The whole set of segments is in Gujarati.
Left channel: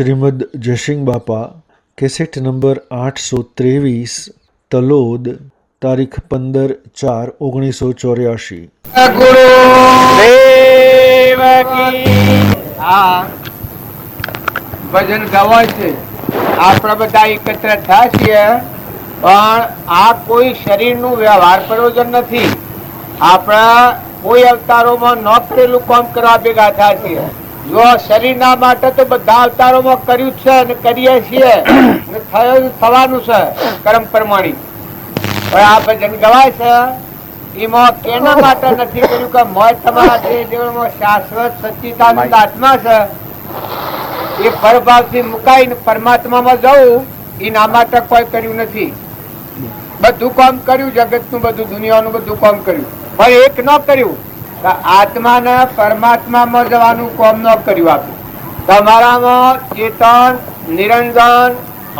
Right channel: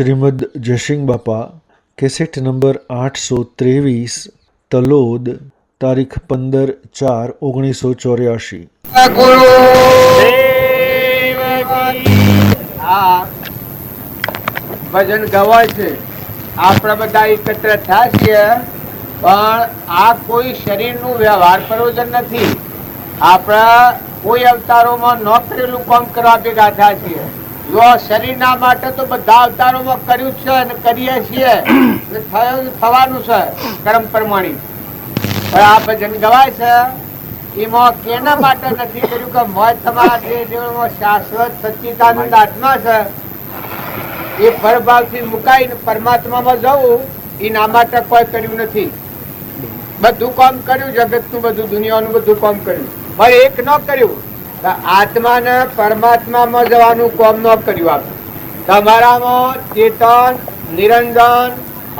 શ્રીમદ જયસિંહ બાપા કેસેટ નંબર 823 તલોદ તારીખ 15/4/1984। ગુરુ દેવ કી। આ ભજન ગવાય છે, આપણે બધા એકત્ર થયા છીએ, પણ આ કોઈ શરીરનું વ્યવહાર પ્રયોજન નથી। આપણા કોઈ અવતારોમાં ન કરેલું કામ કરવા ભેગા થયા છીએ। જો શરીરના માટે તો બધા અવતારોમાં કર્યું છે અને કરીએ છીએ, થવાનું છે કર્મ પ્રમાણે। પણ આ ભજન ગવાય છે એમાં કેના માટે નથી કર્યું કે મોય તમારા દેહ દેવળમાં શાશ્વત સચ્ચિદાનંદ આત્મા છે, એ પરભાવથી મુકાઈને પરમાત્મામાં જવું એના માટે કોઈ કર્યું નથી। બધું કામ કર્યું, જગતનું બધું, દુનિયાનું બધું કામ કર્યું, પણ એક ન કર્યું કે આત્માને પરમાત્મામાં જવાનું કામ ન કર્યું। આપ્યું તમારામાં ચેતન, નિરંજન,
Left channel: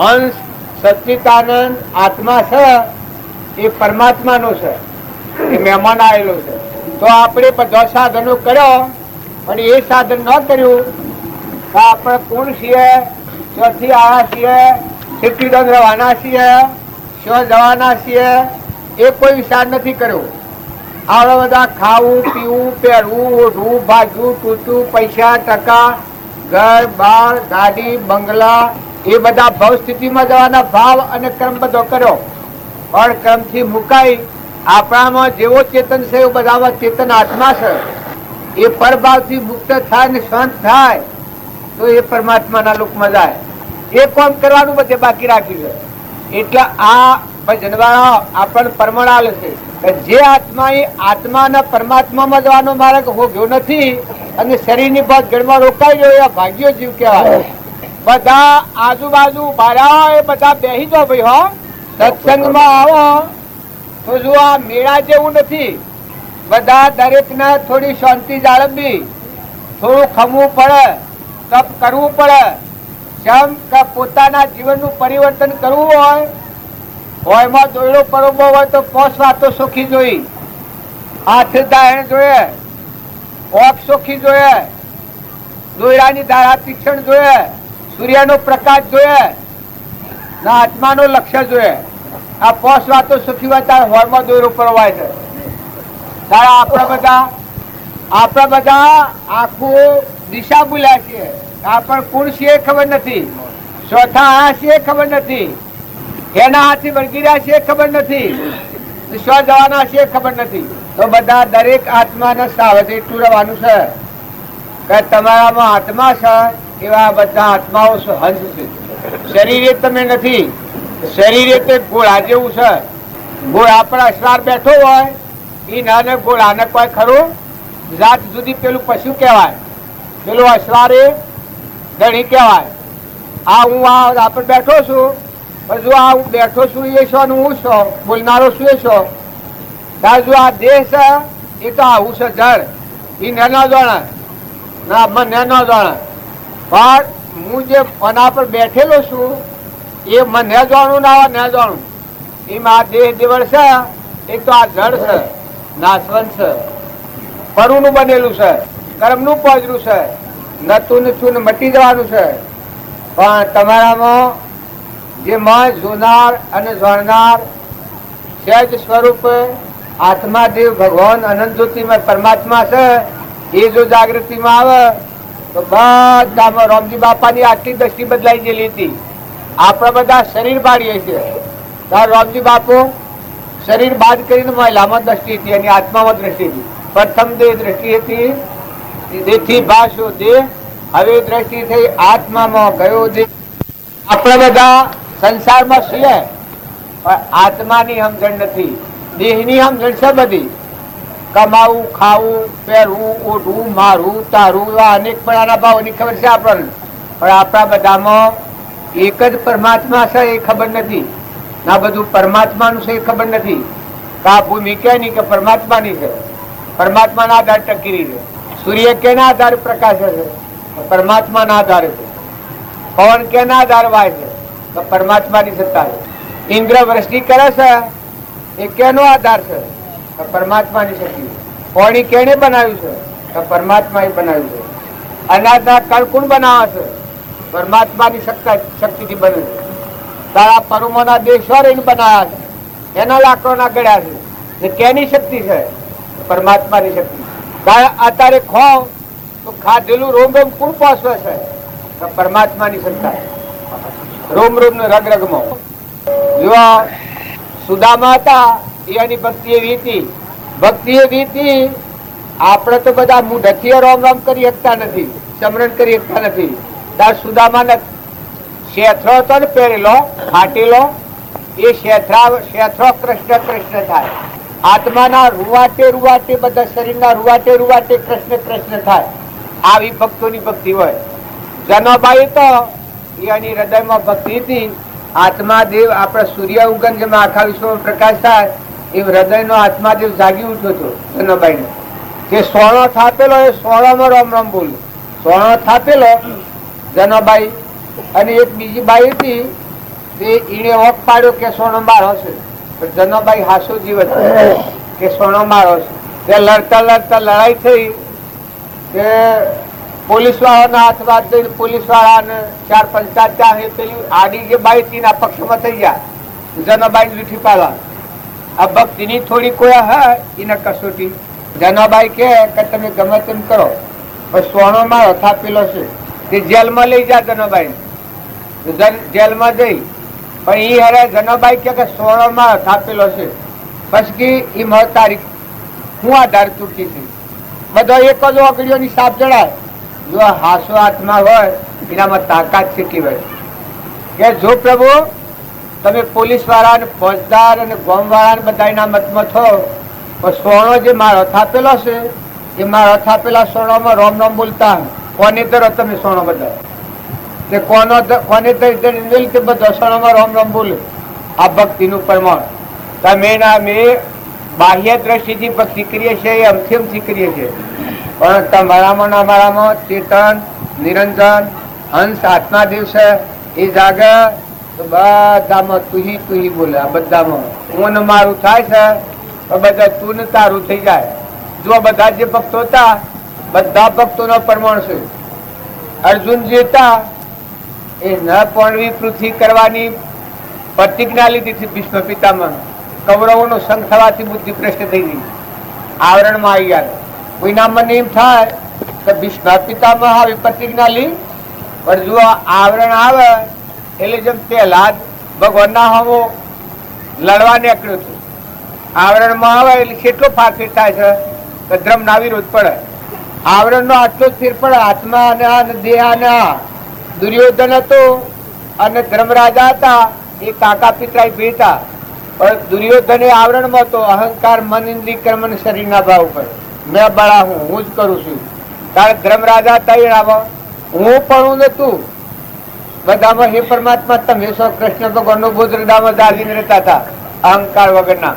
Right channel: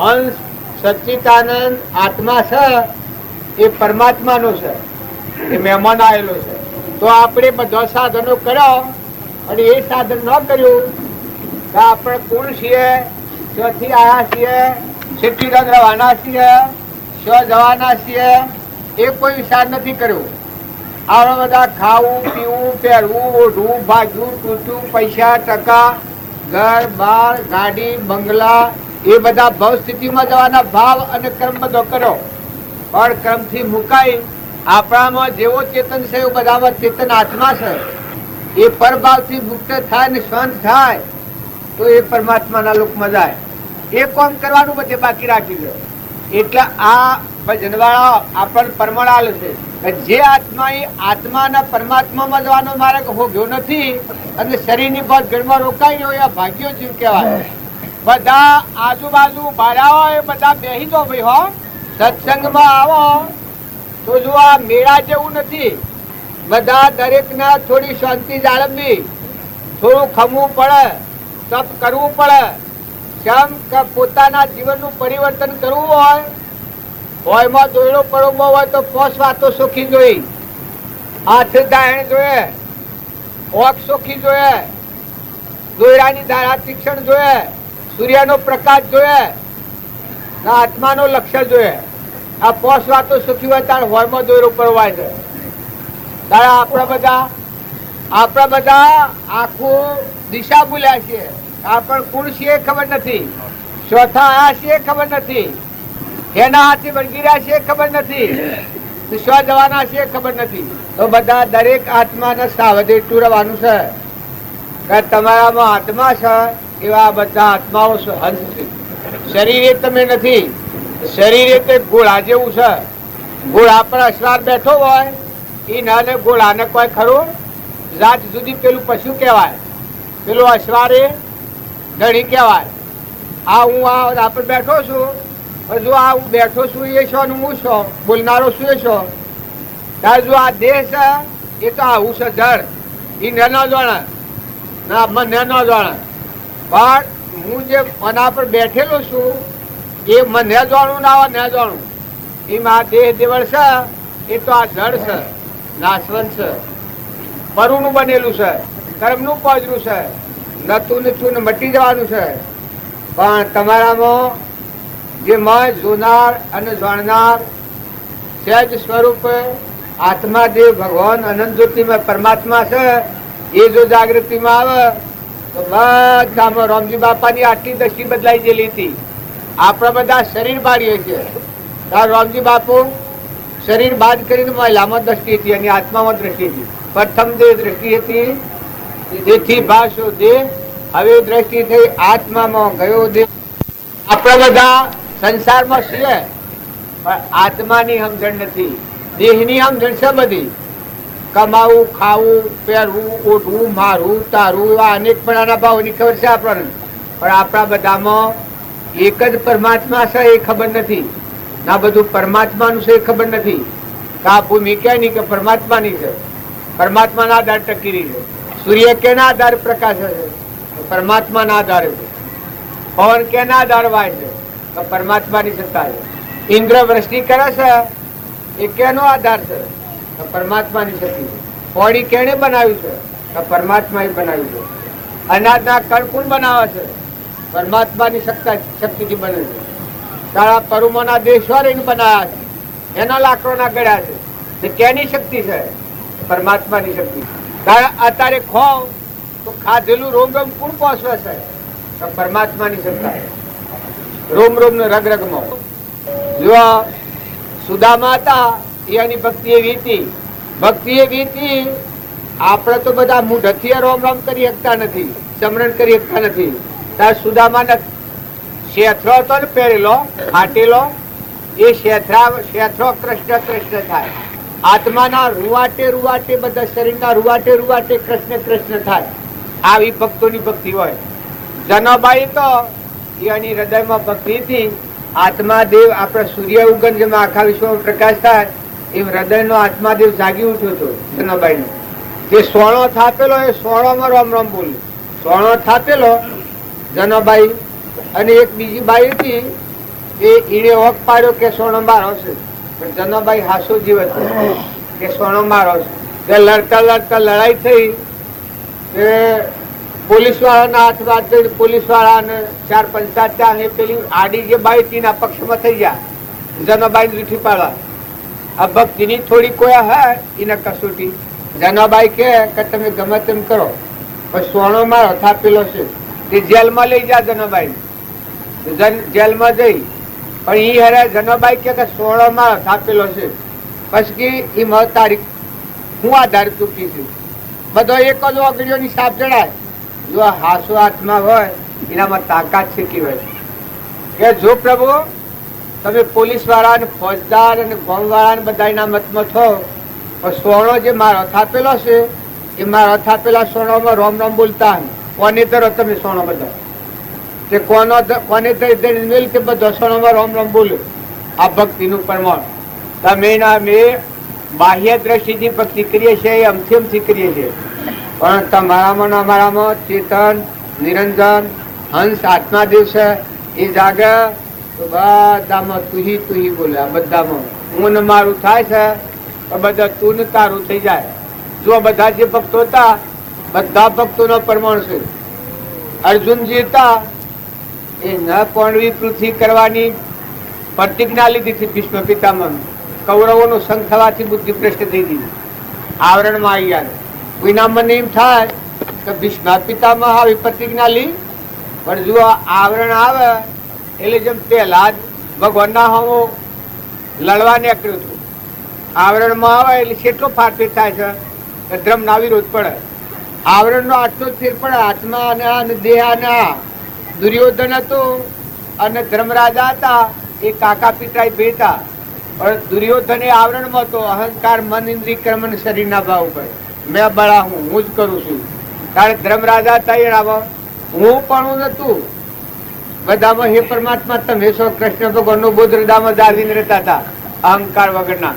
હંસ, સચ્ચિદાનંદ આત્મા છે, એ પરમાત્માનો છે, એ મહેમાન આવેલો છે। તો આપણે બધા સાધનો કર્યો અને એ સાધન ન કર્યું તો આપણે કોણ છીએ, ક્યાંથી આવ્યા છીએ, કેટલી દંડ રહેવાના છીએ, ક્યાં જવાના છીએ, એ કોઈ વિચાર નથી કર્યો। આપણે બધા ખાવું, પીવું, પહેરવું, ઓઢવું, ભાજવું, તૂટવું, પૈસા, ટકા, ઘર બાર, ગાડી, બંગલા, એ બધા ભાવ સ્થિતિમાં જવાના ભાવ અને કર્મ બધો કર્યો। પણ કર્મથી મુકાઈ આપણામાં જેવો ચેતન છે એવું બધામાં ચેતન આત્મા છે, એ પરભાવથી મુક્ત થાય ને શાંત થાય તો એ પરમાત્માના લોકમાં જાય। એ કામ કરવાનું બધે બાકી રાખ્યું છે। એટલે આ ભજનવાળો આપણને પ્રમાણ આલે છે કે જે આત્મા એ આત્માના પરમાત્મામાં જવાનો માર્ગ હોગ્યો નથી અને શરીરની બસ જળમાં રોકાઈ ગયો, એ ભાગ્યો જીવ કહેવાય। બધા આજુબાજુ બાળાઓ એ બધા બેસી દો ભાઈ, હો સત્સંગમાં આવો તો જો આ મેળા જેવું નથી। બધા દરેકને થોડી શાંતિ જાળવવી, થોડું ખમવું પડે, તપ કરવું પડે। કેમ કે પોતાના જીવનનું પરિવર્તન કરવું હોય એમાં દોયડો પડવો હોય તો 5 વાતો સોખી જોઈ, હાથ દાયણ જોઈએ, ઓખ સોખી જોઈએ, દોયડાની ધારા તીક્ષણ જોઈએ, સૂર્યનો પ્રકાશ જોઈએ, ના આત્માનો લક્ષ્ય જોઈએ। આ 5 વાતો સુખી હોય ત્યારે હોળમાં દોયરો પડવાય છે। ત્યારે આપણા બધા આખું દિશા ભૂલ્યા છીએ, આપણે કોણ છીએ ખબર નથી, ચોથા આયા છીએ ખબર નથી, એના હાથથી વળગી રહ્યા છીએ ખબર નથી, વિશ્વા જવાના છીએ ખબર નથી। તો બધા દરેક આત્માને સાવધ એટલું રહેવાનું છે કે તમારામાં આત્મા છે એવા બધા આત્માઓ હંસ છે। શરીરે તમે નથી, શરીરે તે ઘોડા જેવું છે। ઘોડા પર અસવાર બેઠો હોય એ નાને ઘોડાને કોઈ ખરું જાત જુદી, પેલું પશુ કહેવાય, પેલું અસવાર એ ધણી કહેવાય। આ હું આ પર બેઠો છું, જો આ હું બેઠો છું એ છો ને હું છો, બોલનારો છું એ છો, ત્યારે જો આ દેહ છે એ તો આવું છે જળ, એ ન જાણે ના મને ન જાણે, પણ હું જે આના પર બેઠેલો છું એ મને જાણું ના ન જાણું, એમાં આ દેહ દેવળ છે એ તો આ જળ છે, નાશવંત છે, પરુનું બનેલું છે, કર્મનું પોજરું છે, નતું ને ચૂન મટી જવાનું છે। પણ તમારામાં જે મન જોનાર અને જાણનાર સહેજ સ્વરૂપે આત્મા દેવ ભગવાન અનંત જ્યોતિમાં પરમાત્મા છે, એ જો જાગૃતિમાં આવે તો બધામાં રામજી બાપાની આટલી દ્રષ્ટિ બદલાઈ ગયેલી હતી। આપણા બધા શરીર બાળીએ છીએ, રામજી બાપુ શરીર બાદ કરીને મહિલામાં દ્રષ્ટિ હતી અને આત્મામાં દ્રષ્ટિ હતી। પ્રથમ દેહ દ્રષ્ટિ હતી, જેથી ભાષો દેહ, હવે દ્રષ્ટિ થઈ આત્મામાં ગયો દેહ। આપણે બધા સંસારમાં છીએ પણ આત્માની સમજણ નથી, દેહની સમજણ છે બધી, કમાવું, ખાવું, પહેરવું, ઓઢવું, મારવું, તારવું, એવા અનેક પણ ભાવોની ખબર છે આપણને, પણ આપણા બધામાં એક જ પરમાત્મા છે એ ખબર નથી, ના બધું પરમાત્માનું છે એ ખબર નથી કે આ ભૂમિ ક્યાંની કે પરમાત્માની છે, પરમાત્માના આધાર ટકી રહી છે। સૂર્ય કેના આધારે પ્રકાશે છે? પરમાત્માના આધારે છે। પવન કેના આધારે વાય છે? તો પરમાત્માની સત્તા છે। ઇન્દ્ર વૃષ્ટિ કરે છે એ કેનો આધાર છે? તો પરમાત્માની શક્તિ। પાણી કેને બનાવ્યું છે? તો પરમાત્માએ બનાવ્યું છે। અનાજના કણ કોણ બનાવે છે? પરમાત્માની શક્તિથી બને છે. તારા પરુમોના દેશો રહીને બનાવ્યા છે, એના લાકડોના ગળ્યા છે. ને કેની શક્તિ છે? પરમાત્માની શક્તિ. કારણ અત્યારે ખોવ તો ખાધેલું રોમ રોમ કોણ પહોંચવે છે? તો પરમાત્માની સત્તા. રોમ રોમ ને રગ રગમાં જો સુદામા હતા, એની ભક્તિ એવી હતી. ભક્તિ એવી હતી, આપણે તો બધા મુઢથી રોમ રોમ કરી શકતા નથી, સમરણ કરી શકતા નથી. તાર સુદામાને શેથરો હતો ને પહેરેલો ફાટેલો, એ શેથરો કૃષ્ણ કૃષ્ણ થાય. આત્માના રૂવાટે રૂવાટે, બધા શરીરના રૂવાટે રૂવાટે કૃષ્ણ કૃષ્ણ થાય. આવી ભક્તોની ભક્તિ હોય. જનોબાઈ તો એની હૃદયમાં ભક્તિ હતી. આત્માદેવ આપણા સૂર્ય ઉગમ જેમ આખા વિશ્વમાં પ્રકાશ થાય એમ હૃદયનો આત્માદેવ જાગી ઉઠ્યો હતો જનોબાઈ. જે સોણો થાપેલો એ સોણોમાં રામ રામ બોલે. સોણો થાપેલો જનોબાઈ. અને એક બીજી બાઈ હતી, એને ઓક પાડ્યો કે સોનો મારો છે, પણ જનોબાઈ હાસો જીવત કે સોનો મારો છે. લડતા લડતા લડાઈ થઈ કે પોલીસ વાળાના હાથમાં જઈને પોલીસ વાળાને 4-5 ત્યાં પેલી આડી જે બાઈ તેના પક્ષમાં થઈ ગયા. જનોબાઈ જૂઠી પાડવા. આ ભક્તિની થોડી કોઈ હે એને કસોટી. જનોબાઈ કે તમે ગમે તેમ કરો પણ સોનો મારો થાપેલો છે. તે જેલમાં લઈ જા જનોબાઈ. જેલમાં જઈ પણ એ હેરે જનોબાઈ કે સોનો મારો થાપેલો છે. પછી એ મહ તારીખ હું આધાર ચૂકી છે. બધો એક જ ઓગળીઓની સાપ જણાય. જો હાસો આત્મા હોય એનામાં તાકાત શીખી હોય કે જો પ્રભુ તમે પોલીસ વાળા ને ફોજદાર અને ગોમ વાળા બધા એના મતમાં છો, પણ સોનો જે મારો થાપેલો છે એ મારો થાપેલા સોનામાં રોમ રોમ બોલતા કોને ધરો તમે સોનો બધા તે કોને ધરી બધો સોનામાં રોમ રોમ બોલે. આ ભક્તિનું પ્રમાણ. તમે મેં બાહ્ય દ્રષ્ટિથી ભક્તિ કરીએ છીએ, અમથી અમથી કરીએ છીએ, પણ તમારામાં અમારામાં ચેતન નિરંજન હંસ આત્માદેવ છે. એ જાગે તો બધામાં તુહી બોલે. આ બધામાં હું ને મારું થાય છે, તો બધા તું ને તારું થઈ જાય. જો બધા જે ભક્તો હતા બધા ભક્તોનો પ્રમાણ છે. અર્જુનજી હતા એ ન પોણવી પૃથ્વી કરવાની પ્રતિજ્ઞા લીધી હતી ભીષ્મ પિતામહ. કૌરવોનો સંગ થવાથી બુદ્ધિ ભ્રષ્ટ થઈ ગઈ, આવરણમાં આવી ગયા. કોઈના મને એમ થાય કે ભીષ્મ પિતામહ આવી પ્રતિજ્ઞા લી, પણ જો આવરણ આવે એટલે જેમ પહેલા જ ભગવાનના હોમો લડવા નીકળ્યું હતું. આવરણમાં આવે એટલે કેટલો ફારફેર થાય છે કે ધર્મના વિરોધ પડે. આવરણનો આટલો જ ફેર પડે. આત્મા અને દેહ અને દુર્યોધન હતો અને ધર્મરાજા હતા, એ કાકા પિતરાઈ ભેતા. પણ દુર્યોધન એ આવરણમાં હતો. અહંકાર મન ઇન્દ્રિય કર્મ અને શરીરના ભાવ ઉપર મેં બળા હું જ કરું છું. કારણ ધર્મરાજા હતા હું પણ હું નતું. બધામાં હે પરમાત્મા તમે છો. કૃષ્ણ ભગવાનનો બોધ હૃદયમાં દાદીને રહેતા હતા અહંકાર વગરના.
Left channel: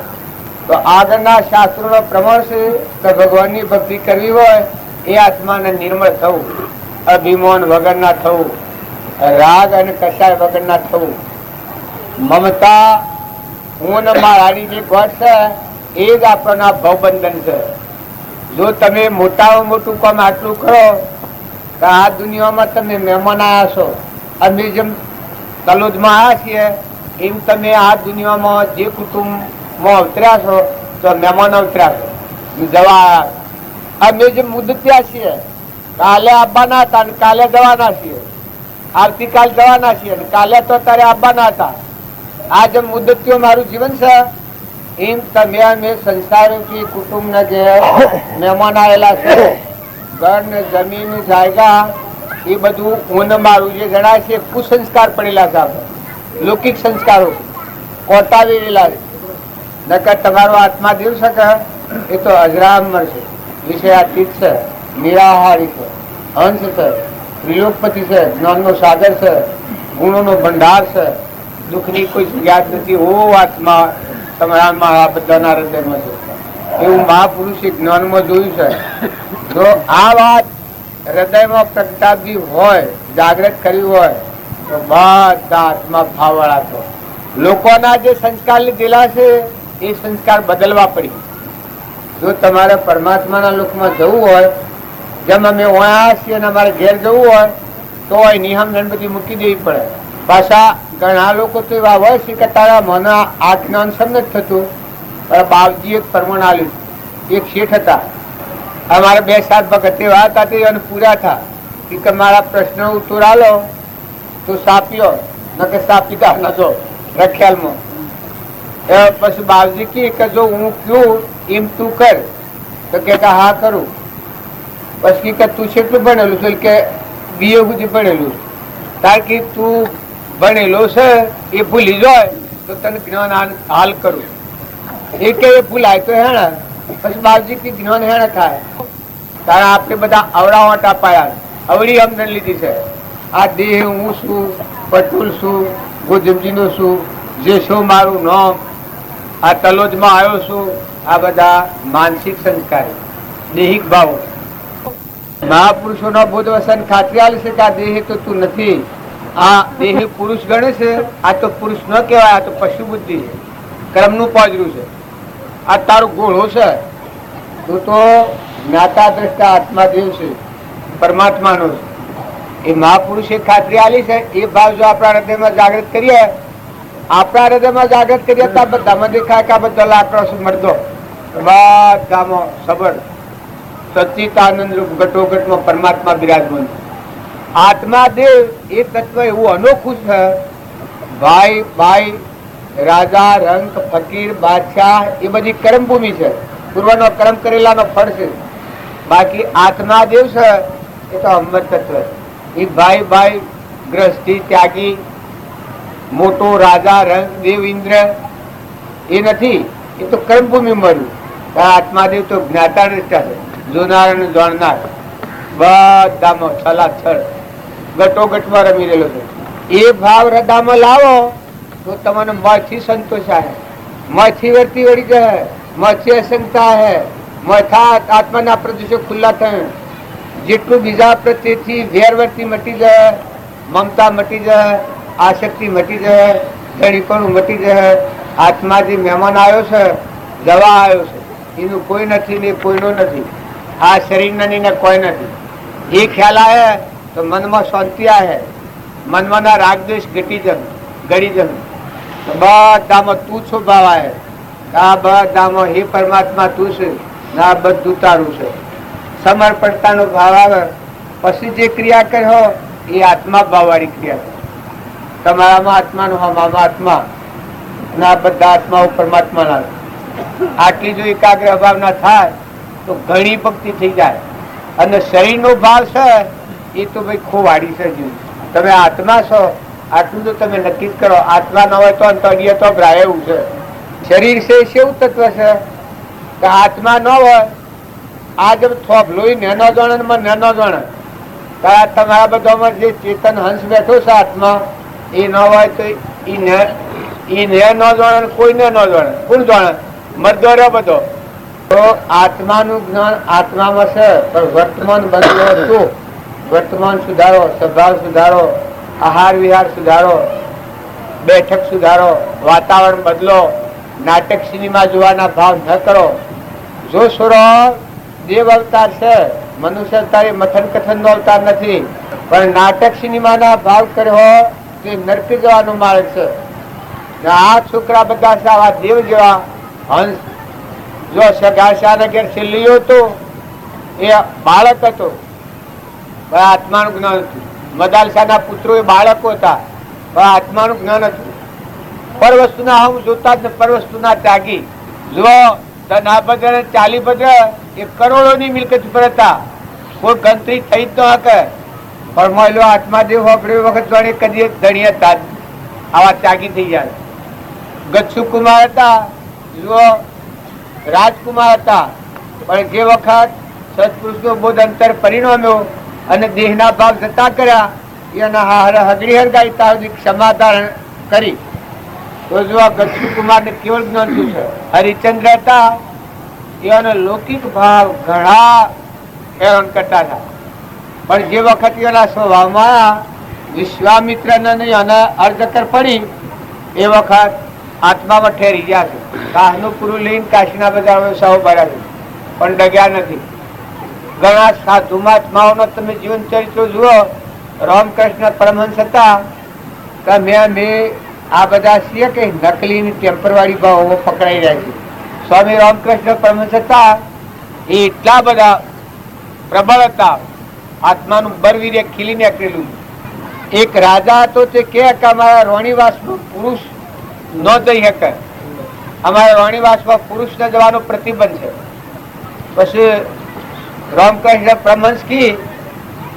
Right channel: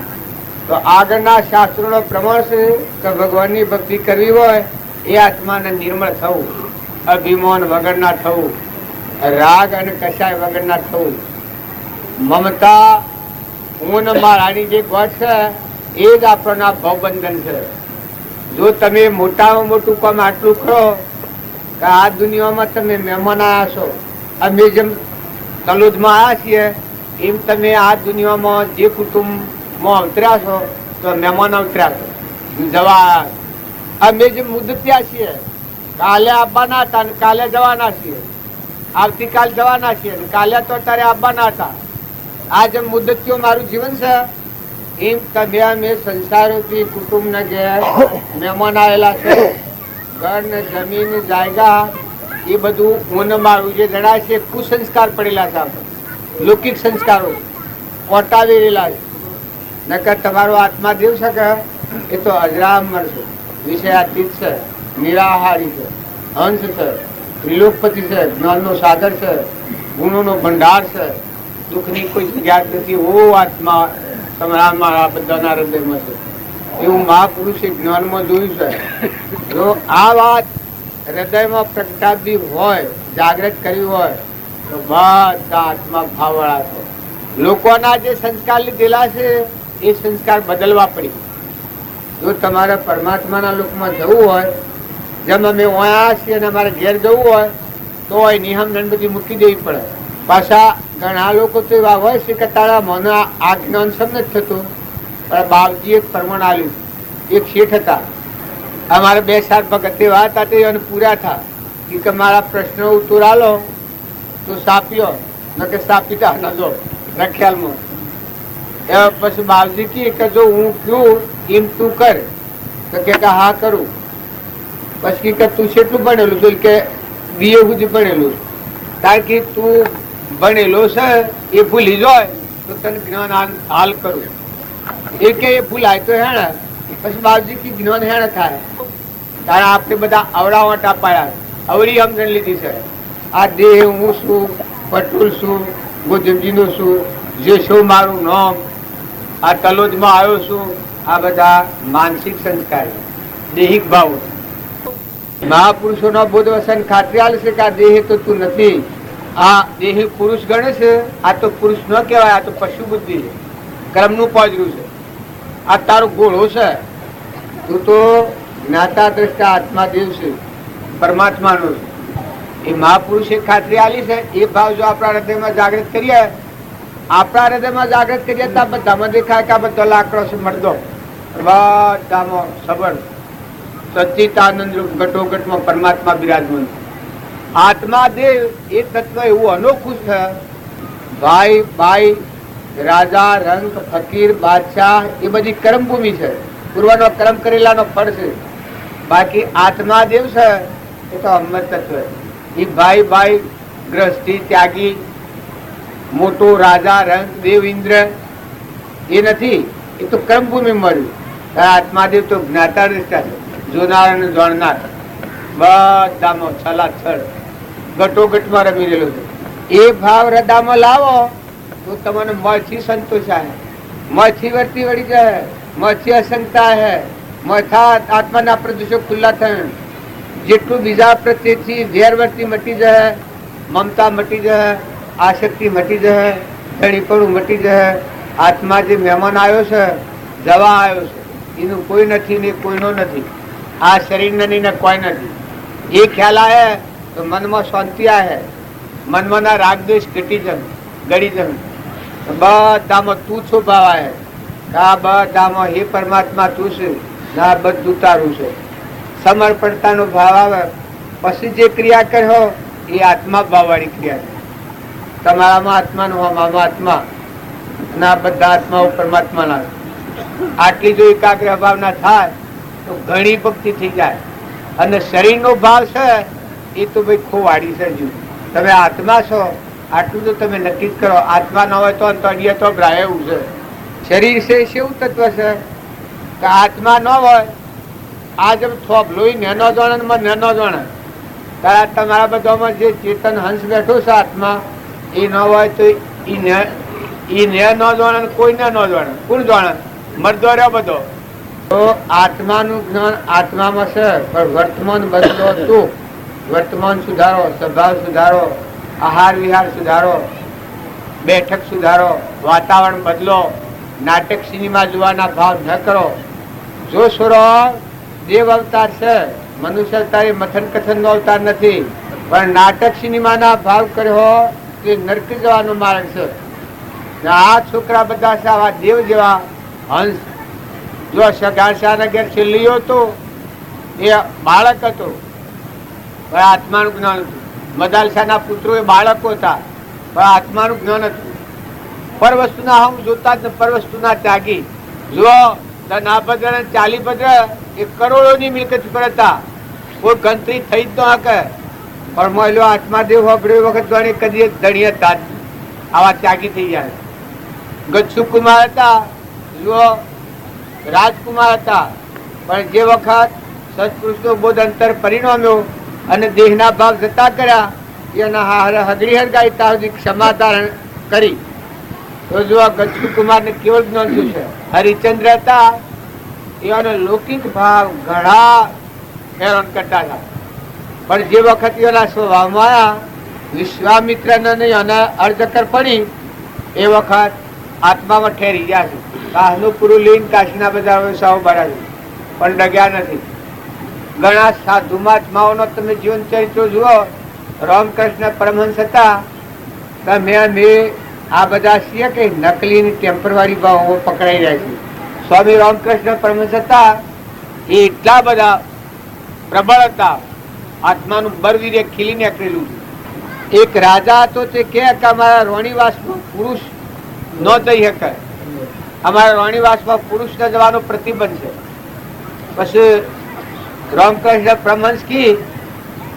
તો આગળના શાસ્ત્રોનો પ્રમાણ છે કે ભગવાનની ભક્તિ કરવી હોય એ આત્માને નિર્મળ થવું, અભિમાન વગરના થવું, રાગ અને કશાય વગરના થવું, મમતા હું ને મારાની જે ગોઠ છે એ જ આપણના ભવબંધન છે. જો તમે મોટામાં મોટું કામ આટલું કરો કે આ દુનિયામાં તમે મહેમાન આવ્યા છો, અમે જેમ તલોદમાં આવ્યા છીએ એમ તમે આ દુનિયામાં જે કુટુંબમાં અવતર્યા છો તો મહેમાન અવતર્યા છો, જવા અમે જે મુદત્યા છીએ, કાલે આવવાના હતા ને કાલે જવાના છીએ, આવતીકાલ જવાના છીએ ને કાલે તો તારે આવવાના હતા. આ જે મુદત્યો મારું જીવન છે એમ તમે અમે સંસારોથી કુટુંબના ઘેર મહેમાન આવેલા છે. ઘર ને જમીન જાયગા એ બધું હું મારું જે ગણાય છે કુસંસ્કાર પડેલા છે. આપણે લૌકિક સંસ્કારો કોટાવેલા છે. નકર તમારો આત્મા દેવ શકે એ તો અજરામર છે, વિષયાતીત છે, નિરાહારી છે, હંસ છે, ત્રિલોકપતિ છે, જ્ઞાનનો સાગર છે, ગુણોનો ભંડાર છે, દુઃખની કોઈ યાદ નથી. ઓ આત્મા તમારા મારા બધાના હૃદયમાં છે. એવું મહાપુરુષે જ્ઞાનમાં જોયું છે. જો આ વાત હૃદયમાં પ્રગટાવી હોય, જાગૃત કરવી હોય તો બધા આત્મા ભાવવાળા છો. લોકોના જે સંસ્કાર લીધેલા છે એ સંસ્કાર બદલવા પડી. જો તમારે પરમાત્માના લોકમાં જવું હોય, જેમ અમે ઓયા છીએ અને અમારે ઘેર જવું હોય તો એની સમજણ બધી મૂકી દેવી પડે. પાછા ઘણા લોકો તો એવા હોય છે કે તારા મને આ જ્ઞાન સમ નથી થતું, પણ બાપજીએ જ પ્રમાણ આલ્યું. એક શેઠ હતા, અમારે 2-7 ભગત એવા હતા તે એને પૂરા થા કે મારા પ્રશ્નો ઉત્તર આલો તો સાપ્યો ન કે સાપીતા ન દો રખ્યાલમાં. પછી બાપજી કે જો હું કયું એમ તું કર, તો કે હા કરું. પછી કે તું કેટલું ભણેલું છે? કે BA સુધી ભણેલું. તાર કે તું ભણેલો છે એ ભૂલી જાય તો તને જ્ઞાન હાલ કરું. એ કે એ ભૂલાય તો હેણે. પછી બાપજી કે જ્ઞાન હેણે થાય. કારણ આપણે બધા અવળાવટ અપાયા, અવળી સમજણ લીધી છે. આ દેહ હું છું, પટુલ છું, ગોજમજીનો છું, જે શું મારું નામ, આ તલોદમાં આવ્યો છું, આ બધા માનસિક સંસ્કાર, દેહિક ભાવ. મહાપુરુષોનો બોધ વસન ખાતરી આલે છે કે આ દેહ તો તું નથી. આ દેહ પુરુષ ગણે છે. આ તો પુરુષ ન કહેવાય, આ તો પશુ બુદ્ધિ કર્મનું પોજરું છે. આ તારો ઘોડો છે. તું તો જ્ઞાતા દ્રષ્ટા આત્મા દેવ છે, પરમાત્માનો. એ મહાપુરુષે ખાતરી આલી છે. એ ભાવ જો આપણા હૃદયમાં જાગૃત કરીએ, આપણા હૃદયમાં જાગૃત કરીએ તો બધામાં દેખાય કે આ બધા લાકડો છે, મરદો બધામાં સબર સચ્ચિદાનંદ રૂપ ઘટોઘટમાં પરમાત્મા બિરાજમાન. આત્મા દેવ એક તત્વ એવું અનોખું છે. ભાઈ ભાઈ, રાજા, રંક, ફકીર, બાદશાહ એ બધી કર્મભૂમિ છે. પૂર્વનો કર્મ કરેલાનો ફળ છે. બાકી આત્મા દેવ છે એ તો અમર તત્વ. એ ભાઈ ભાઈ, ગ્રસ્તી, ત્યાગી, મોટો રાજા, રંક, દેવ, ઇન્દ્ર એ નથી. એ તો કર્મભૂમિ મળ્યું. આત્માદેવ તો જ્ઞાતા દ્રષ્ટા છે, જોનાર અને જાણનાર બધામાં છલાછળ ગટોગટમાં રમી રહેલો છે. એ ભાવ હૃદયમાં લાવો તો તમને મથી સંતોષ આવે, મથી વર્તી વળી જાય, મથી અસંગતા હે, મથા આત્માના પ્રદેશો ખુલ્લા થાય. જેટલું બીજા પ્રત્યેથી વેરવર્તી મટી જાય, મમતા મટી જાય, આસક્તિ મટી જાય, ધણીપણું મટી જાય. આત્મા જે મહેમાન આવ્યો છે, જવા આવ્યો છે, એનું કોઈ નથી ને કોઈનો નથી. આ શરીર ને કોઈ નથી. એ ખ્યાલ આવે તો મનમાં શાંતિ આવે, મનમાં રાગદ્વેષ ઘટી ગળી જમ. બધામાં તું છો ભાવ આવે. આ બધામાં હે પરમાત્મા તું છે, આ બધું તારું છે. સમર્પણતાનો ભાવ આવે પછી જે ક્રિયા કરો એ આત્મા ભાવવાળી ક્રિયા છે. તમારામાં આત્માનો હમામાં આત્મા અને આ બધા આત્માઓ પરમાત્મા લાવે. આટલી જો એકાગ્ર ભાવના થાય તો ઘણી ભક્તિ થઈ જાય. અને શરીરનો ભાવ છે એ તો ભાઈ ખોવાડી છે. તમે આત્મા છો આટલું તો તમે નક્કી જ કરો. આત્મા ન હોય તો અંતરિય તો ભ્રાય એવું છે. શરીર છે એવું તત્વ છે કે આત્મા ન હોય આ જેમ થોભલો નેનો જાણે નેનો જાણે. તમારા બધામાં જે ચેતન હંસ બેઠો છે આત્મા એ ન હોય તો એ ને ન જાણે, કોઈને ન જાણે. કોણ જાણે? મરદો રહ્યો બધો. તો આત્માનું જ્ઞાન આત્મામાં છે, પણ વર્તમાન બદલો શું? વર્તમાન સુધારો, સ્વભાવ સુધારો, આહાર વિહાર સુધારો, બેઠક સુધારો, વાતાવરણ બદલો. નાટક સિનેમા જોવાના ભાવ ન કરો. જો છોડો દેવ અવતાર છે, મનુષ્ય અવતાર એ મથન કથન નો અવતાર નથી. પણ નાટક સિનેમાના ભાવ કર્યો તે નરક જવાનો માર્ગ છે. આ છોકરા બધા છે આવા દેવ જેવા હંસ. જો સગાશાના ઘેર છેલ્લીઓ હતો એ બાળક હતો, આત્માનું જ્ઞાન હતું. મદાલસાના પુત્રો એ બાળકો હતા, પણ આત્માનું જ્ઞાન હતું. પર વસ્તુના હમ જોતા જ પર વસ્તુના ત્યાગી. જો ના ભદ્ર 40 ભદ્ર એ કરોડોની મિલકત પર હતા. કોઈ ગણતરી થઈ જ ન હકે. પણ મહિલો આત્માદેવ વાપર્યો વખત જાણે કદી ધણી હતા, આવા ત્યાગી થઈ જાય. ગચ્છુ કુમાર હતા, જુઓ રાજકુમાર હતા, પણ જે વખત સત્પુરુષનો બોધ અંતર પરિણમ્યો અને દેહના ભાવ જતા કર્યા એના હગડી હરગાઈ ત્યાં ક્ષમાધારણ કરી. તો જો ગચ્છુ કુમારને કેવળ જ્ઞાન શું છે? હરિચંદ્ર હતા, એનો લૌકિક ભાવ ઘણા હેરાન કરતા હતા. પણ જે વખત એના સ્વભાવમાં આવ્યા, વિશ્વામિત્રને એને અર્ધકર પડી, એ વખત આત્મામાં ઠેરી ગયા છે. કાશનું પૂરું લઈને કાશીના બધા વ્યવસાયો બરાબર પણ ડગ્યા નથી. ઘણા સાધુ મહાત્માઓનો તમે જીવન ચરિત્ર જુઓ રામકૃષ્ણ પરમહંસ હતા તો મેં આ બધા છીએ કે નકલી ટેમ્પરવારી ભાવો પકડાઈ જાય છે. સ્વામી રામકૃષ્ણ પરમહંસ હતા એ એટલા બધા પ્રબળ હતા, આત્માનું બરવીર્ય ખીલી નીકળેલું. એક રાજા હતો તે કે અમારા રોણીવાસમાં પુરુષ ન જઈ શકે, અમારા રોણીવાસમાં પુરુષ ન જવાનો પ્રતિબંધ છે. પછી રામકૃષ્ણ પરમહંસ કી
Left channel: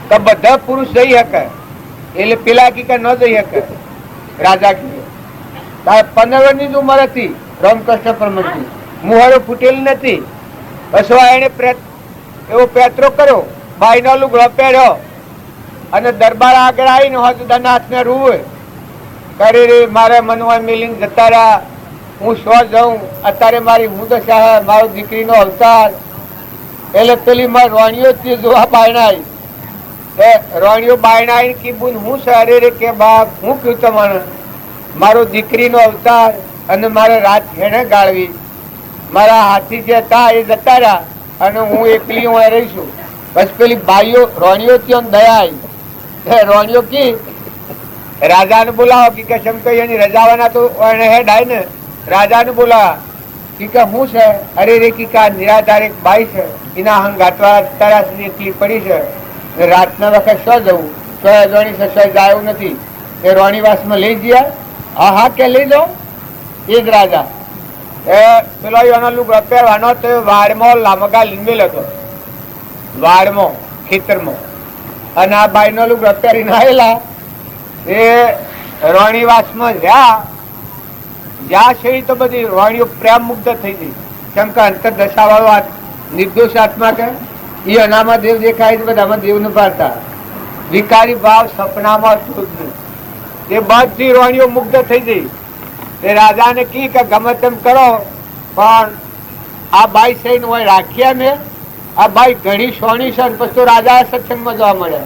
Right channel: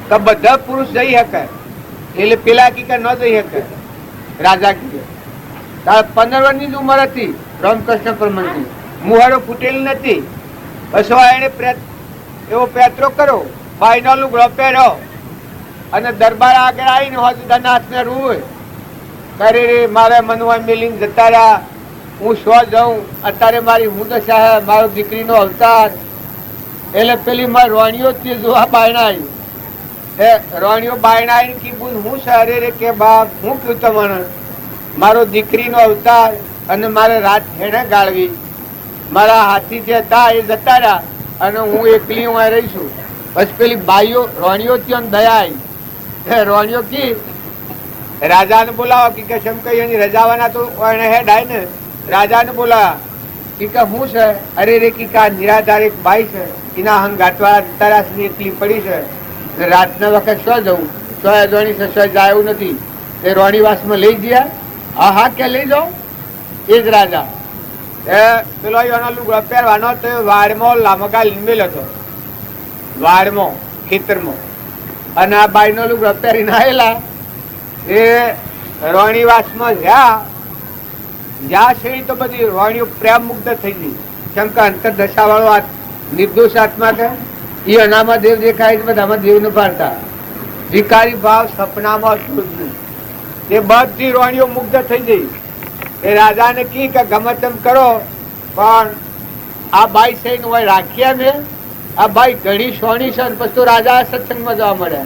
કે બધા પુરુષ જઈ શકે, એટલે પેલા કી કે ન જઈ શકે. રાજા કી 15 વર્ષની જ ઉંમર હતી રામકૃષ્ણ પરમહંસની, મુહાડો ફૂટેલી નથી. પછી એને એવો પેત્રો કર્યો, બાઈનો લુગડો પહેર્યો અને દરબાર આગળ આવીને હોજદારના હાથને રૂવે કરી રે મારે મનવા મિલીને જતા રહ્યા, હું શો જાઉં, અત્યારે મારી હું દશા, મારો દીકરીનો અવતાર. એટલે પેલી મારી રોણીઓ તે જોવા બાયણા આવી, એ રોણીઓ બાયણા આવી કે બુન હું સારી રે કે બાપ હું કયું તમને, મારો દીકરીનો અવતાર અને મારે રાત હેણે ગાળવી, મારા હાથી જે હતા એ જતા રહ્યા અને હું એકલી હું રહીશું. બસ પેલી બાઈઓ રોણીઓ ત્યાં દયા આવી, રોણીઓ કી રાજાને બોલાવો કે કેમ કઈ એની રજાવાના તો હેડ આય ને, રાજાને બોલાવા કે હું છે, અરે રે કી નિરાધાર એક બાઈ છે, એના હંગાતવાળા તરાસની એકલી પડી છે, રાતના વખત શું જવું, સો અજવાની સસવાઈ જાય નથી, એ રોણીવાસમાં લઈ ગયા. હા હા કે લઈ જાઓ. એ જ રાજા એ પેલો એનો લુગડો પહેરવાનો તો વાડમાં લામગા લીંબેલ હતો, વાડમાં ખેતરમાં, અને આ બાઈનો લુગડો પહેરીને આવેલા. એ રોણીવાસમાં જ્યાં છે તો બધી રોણીઓ પ્રેમ મુગ્ધ થઈ ગઈ. કેમ કે અંતરદશા વાળો નિર્દોષ આત્મા કે એ અનામાં દેવ દેખાય, બધામાં દેવ ન પાડતા, વિકારી ભાવ સપનામાં એ બધી રોણીઓ મુગ્ધ થઈ ગઈ. એ રાજાને કી કે ગમે તેમ કરો પણ આ બાઈ સહીને હોય રાખ્યા ને, આ બાઈ ઘણી સોની છે. પછી તો રાજા સત્સંગમાં જવા મળે,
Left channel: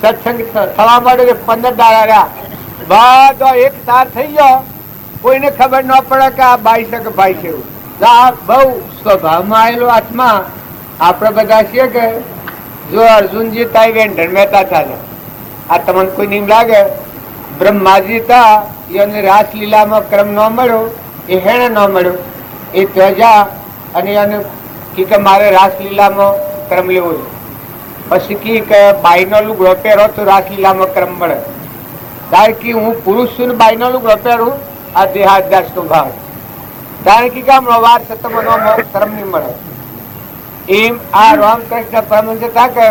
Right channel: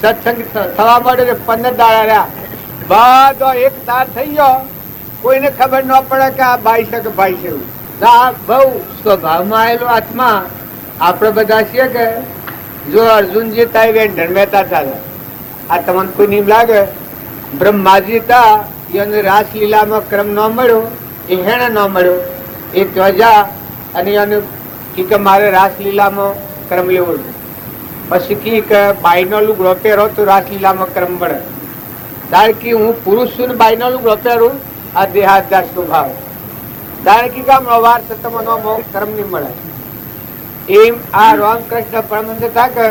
સત્સંગ થવા મળે 15 દાડા રહ્યા, બધો એક તાર થઈ ગયો, કોઈને ખબર ન પડે કે આ બાઈ છે કે ભાઈ છે. એવું આ બહુ સ્વભાવમાં આવેલો આત્મા. આપણે બધા છીએ કે જો અર્જુનજી તાઈ મહેતા ચાલે, આ તમને કોઈ નીમ લાગે, બ્રહ્માજી હતા એને રાસલીલામાં ક્રમ ન મળ્યો, એ હેણે ન મળ્યો, એ ત્વજા અને એને કે મારે રાસલીલામાં ક્રમ લેવો છે. પછી કી કે બાઈનો લુગડો પહેરો તો રાસલીલામાં ક્રમ મળે. તારે કી હું પુરુષ છું ને બાઈનો લુગડો પહેરું, આ દેહાદ્યાસ નો ભાવ. તારે કી કામ વાર છે તમને ક્રમ નહીં મળે. એમ આ રામકૃષ્ણ પરમહંસ હતા કે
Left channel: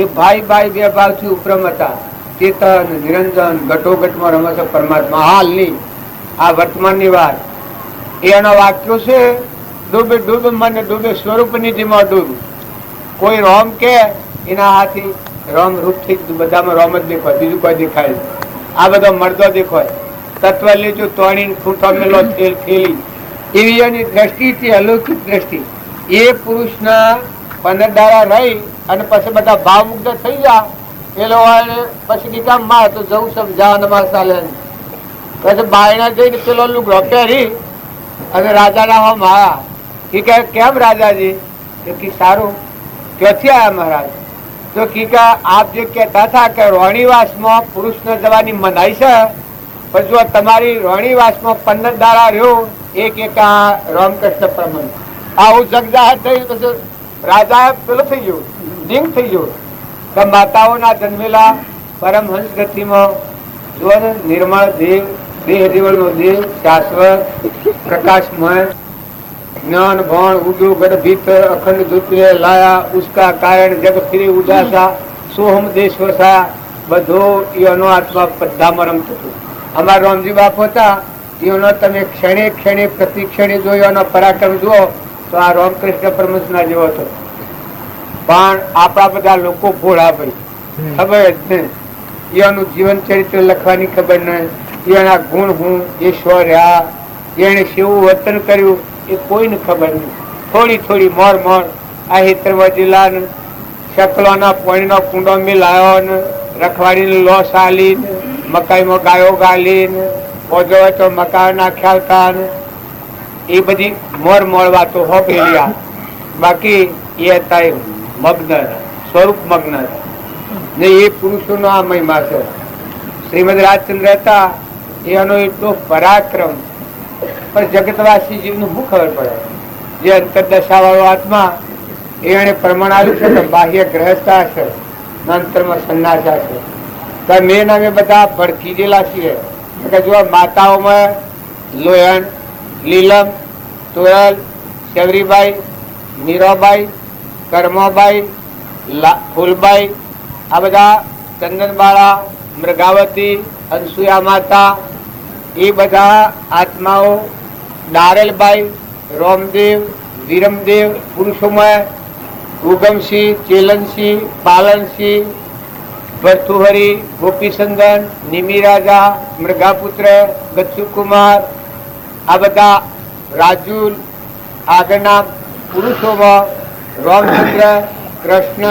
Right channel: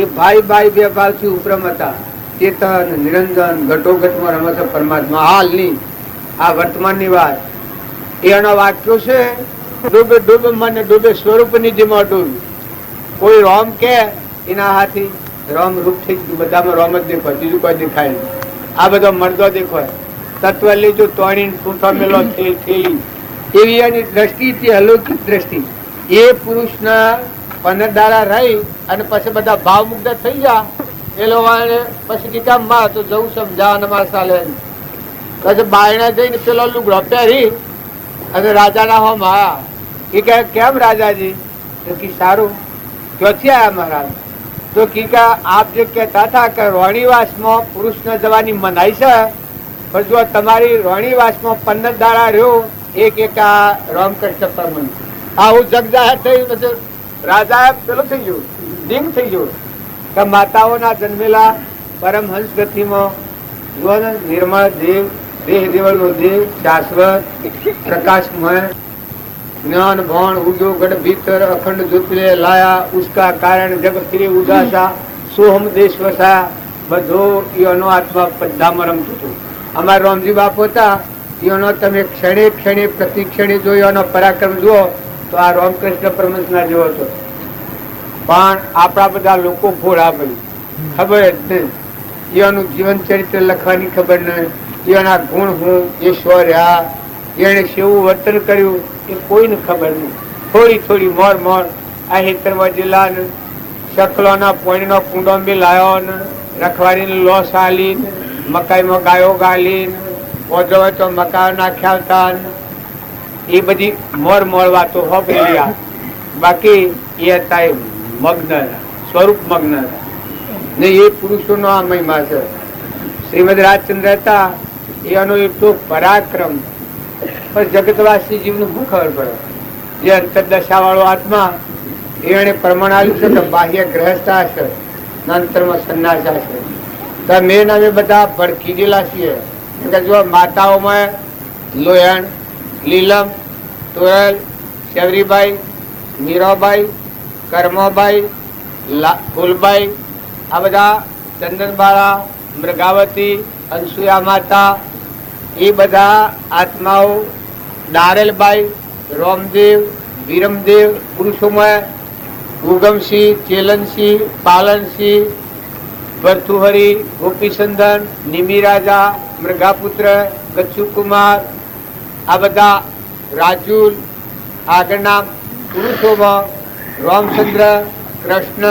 એ ભાઈ બાઈ બે ભાવથી ઉપરમ હતા. ચેતન નિરંજન ઘટોઘટમાં રમે છે પરમાત્મા. હાલની આ વર્તમાનની વાત એનો વાક્યો છે, ડૂબે ડૂબે મને ડૂબે સ્વરૂપની જેમાં ડૂબ. કોઈ રોમ કે એના હાથી રોમ રૂપ થઈ બધામાં રોમ જ દેખાય, બીજું કોઈ દેખાય. આ બધો મરદો દેખાય, તત્વ લીધું તોણી ખૂંટો મેલો ખેલ ખેલી, એવી એની દ્રષ્ટિથી અલૌકિક દ્રષ્ટિ. એ પુરુષના 15 દાડા રહી અને પછી બધા ભાવ મુગ્ધ થઈ ગયા. એ લોકો પછી કામ માં તો જવું સમજાવવા મારે ચાલે. પછી બાયણા જઈને પેલો લુગડો પહેરી અને રાજાના હો મારા. એ કહે કેમ રાજાજી? તેથી સારું. ક્યાંથી આવ્યા મહારાજ? તો કીકા આપ જે કહેતા હતા કે રોણીવાસમાં પુરુષને જવાની મનાઈ છે, પણ જો તમારી રોણીવાસમાં 15 દાડા રહ્યો, એક રામકૃષ્ણ પરમહંસ આવું જગ જાહેર થયું. પછી રાજા પેલો થઈ ગયો, દિંગ થઈ ગયો. તો માતાઓના જન્મેલા પરમહંસ ગતિમાં જુઓ ને, નિર્મળ દેવ, દેહ દેવળનો દેવ, શાશ્વત પ્રકાશમય, જ્ઞાન ભણ ઉડો ગઢ ભીતર અખંડ દૂતરે લાયા, ઉસકા કારણ જગ ફિરે ઉદાસા, સોહમ દેશ વસા. બધો એનો આત્મા બધામાં રમતો હતો. અમારા રામજી બાપ હતા એનો તમે ક્ષણે ક્ષણે પ્રતિ ક્ષણે જોયો, એનો પરાક્રમ જુઓ તો આ રામકૃષ્ણ પરમહંસના જેવો હતો. પણ આપણા બધા લોકો ભોળા ભાઈ, ખબર જ નહીં, એનું જીવન ચરિત્ર લખવાની ખબર નહીં, એના ગુણ હું, એ સ્વ રહ્યા, એને કેવું વર્તન કર્યું એ કોઈને ખબર નહીં. થોડી થોડી મોર મોર આ હેતરવા જિલ્લા શકલોના પોણીનો કુંડો મિલાયો ને, રખવાડીને લોસ આલીને, મકાઈમાં ગાયો ગાલીને, ઓજો તો મકાઈ નાખ્યા હતા ને, એ બધી મોર મોર વાતો હોભરેલી. બાકી એ હતા મગ્ન, સ્વરૂપ મગ્ન હતા. ને એ પુરુષોનો આ મહિમા છે. શ્રીમદ રાજચંદ્ર હતા એનો એટલો પરાક્રમ, પણ જગતવાસી જીવનું શું ખબર પડે? જે અંતરદશા વાળો આત્મા એને પ્રમાણ આવ્યું છે કે બાહ્ય ગ્રહસ્થા છે, અંતરમાં સંન્યાસા છે. તો મેં અમે બધા ભડકી ગયેલા છીએ. જો માતાઓમાં લોયણ, લીલમ, તોયલ, ચવરીબાઈ, મીરાબાઈ, કર્માબાઈ, ફૂલબાઈ, આ બધા ચંદનબાળા, મૃગાવતી, અનસુયા માતા, એ બધા આત્માઓ, દારેલબાઈ, રોમદેવ, વિરમદેવ, પુરુષોમાં ઉગમસિંહ, ચેલનસિંહ, પાલનસિંહ, ભરતુહરી, ગોપીચંદન, નિમિરાજા, મૃગાપુત્ર, ગચ્છુકુમાર, આ બધા રાજુલ, આગળના પુરુષોમાં રામચંદ્ર, કૃષ્ણ,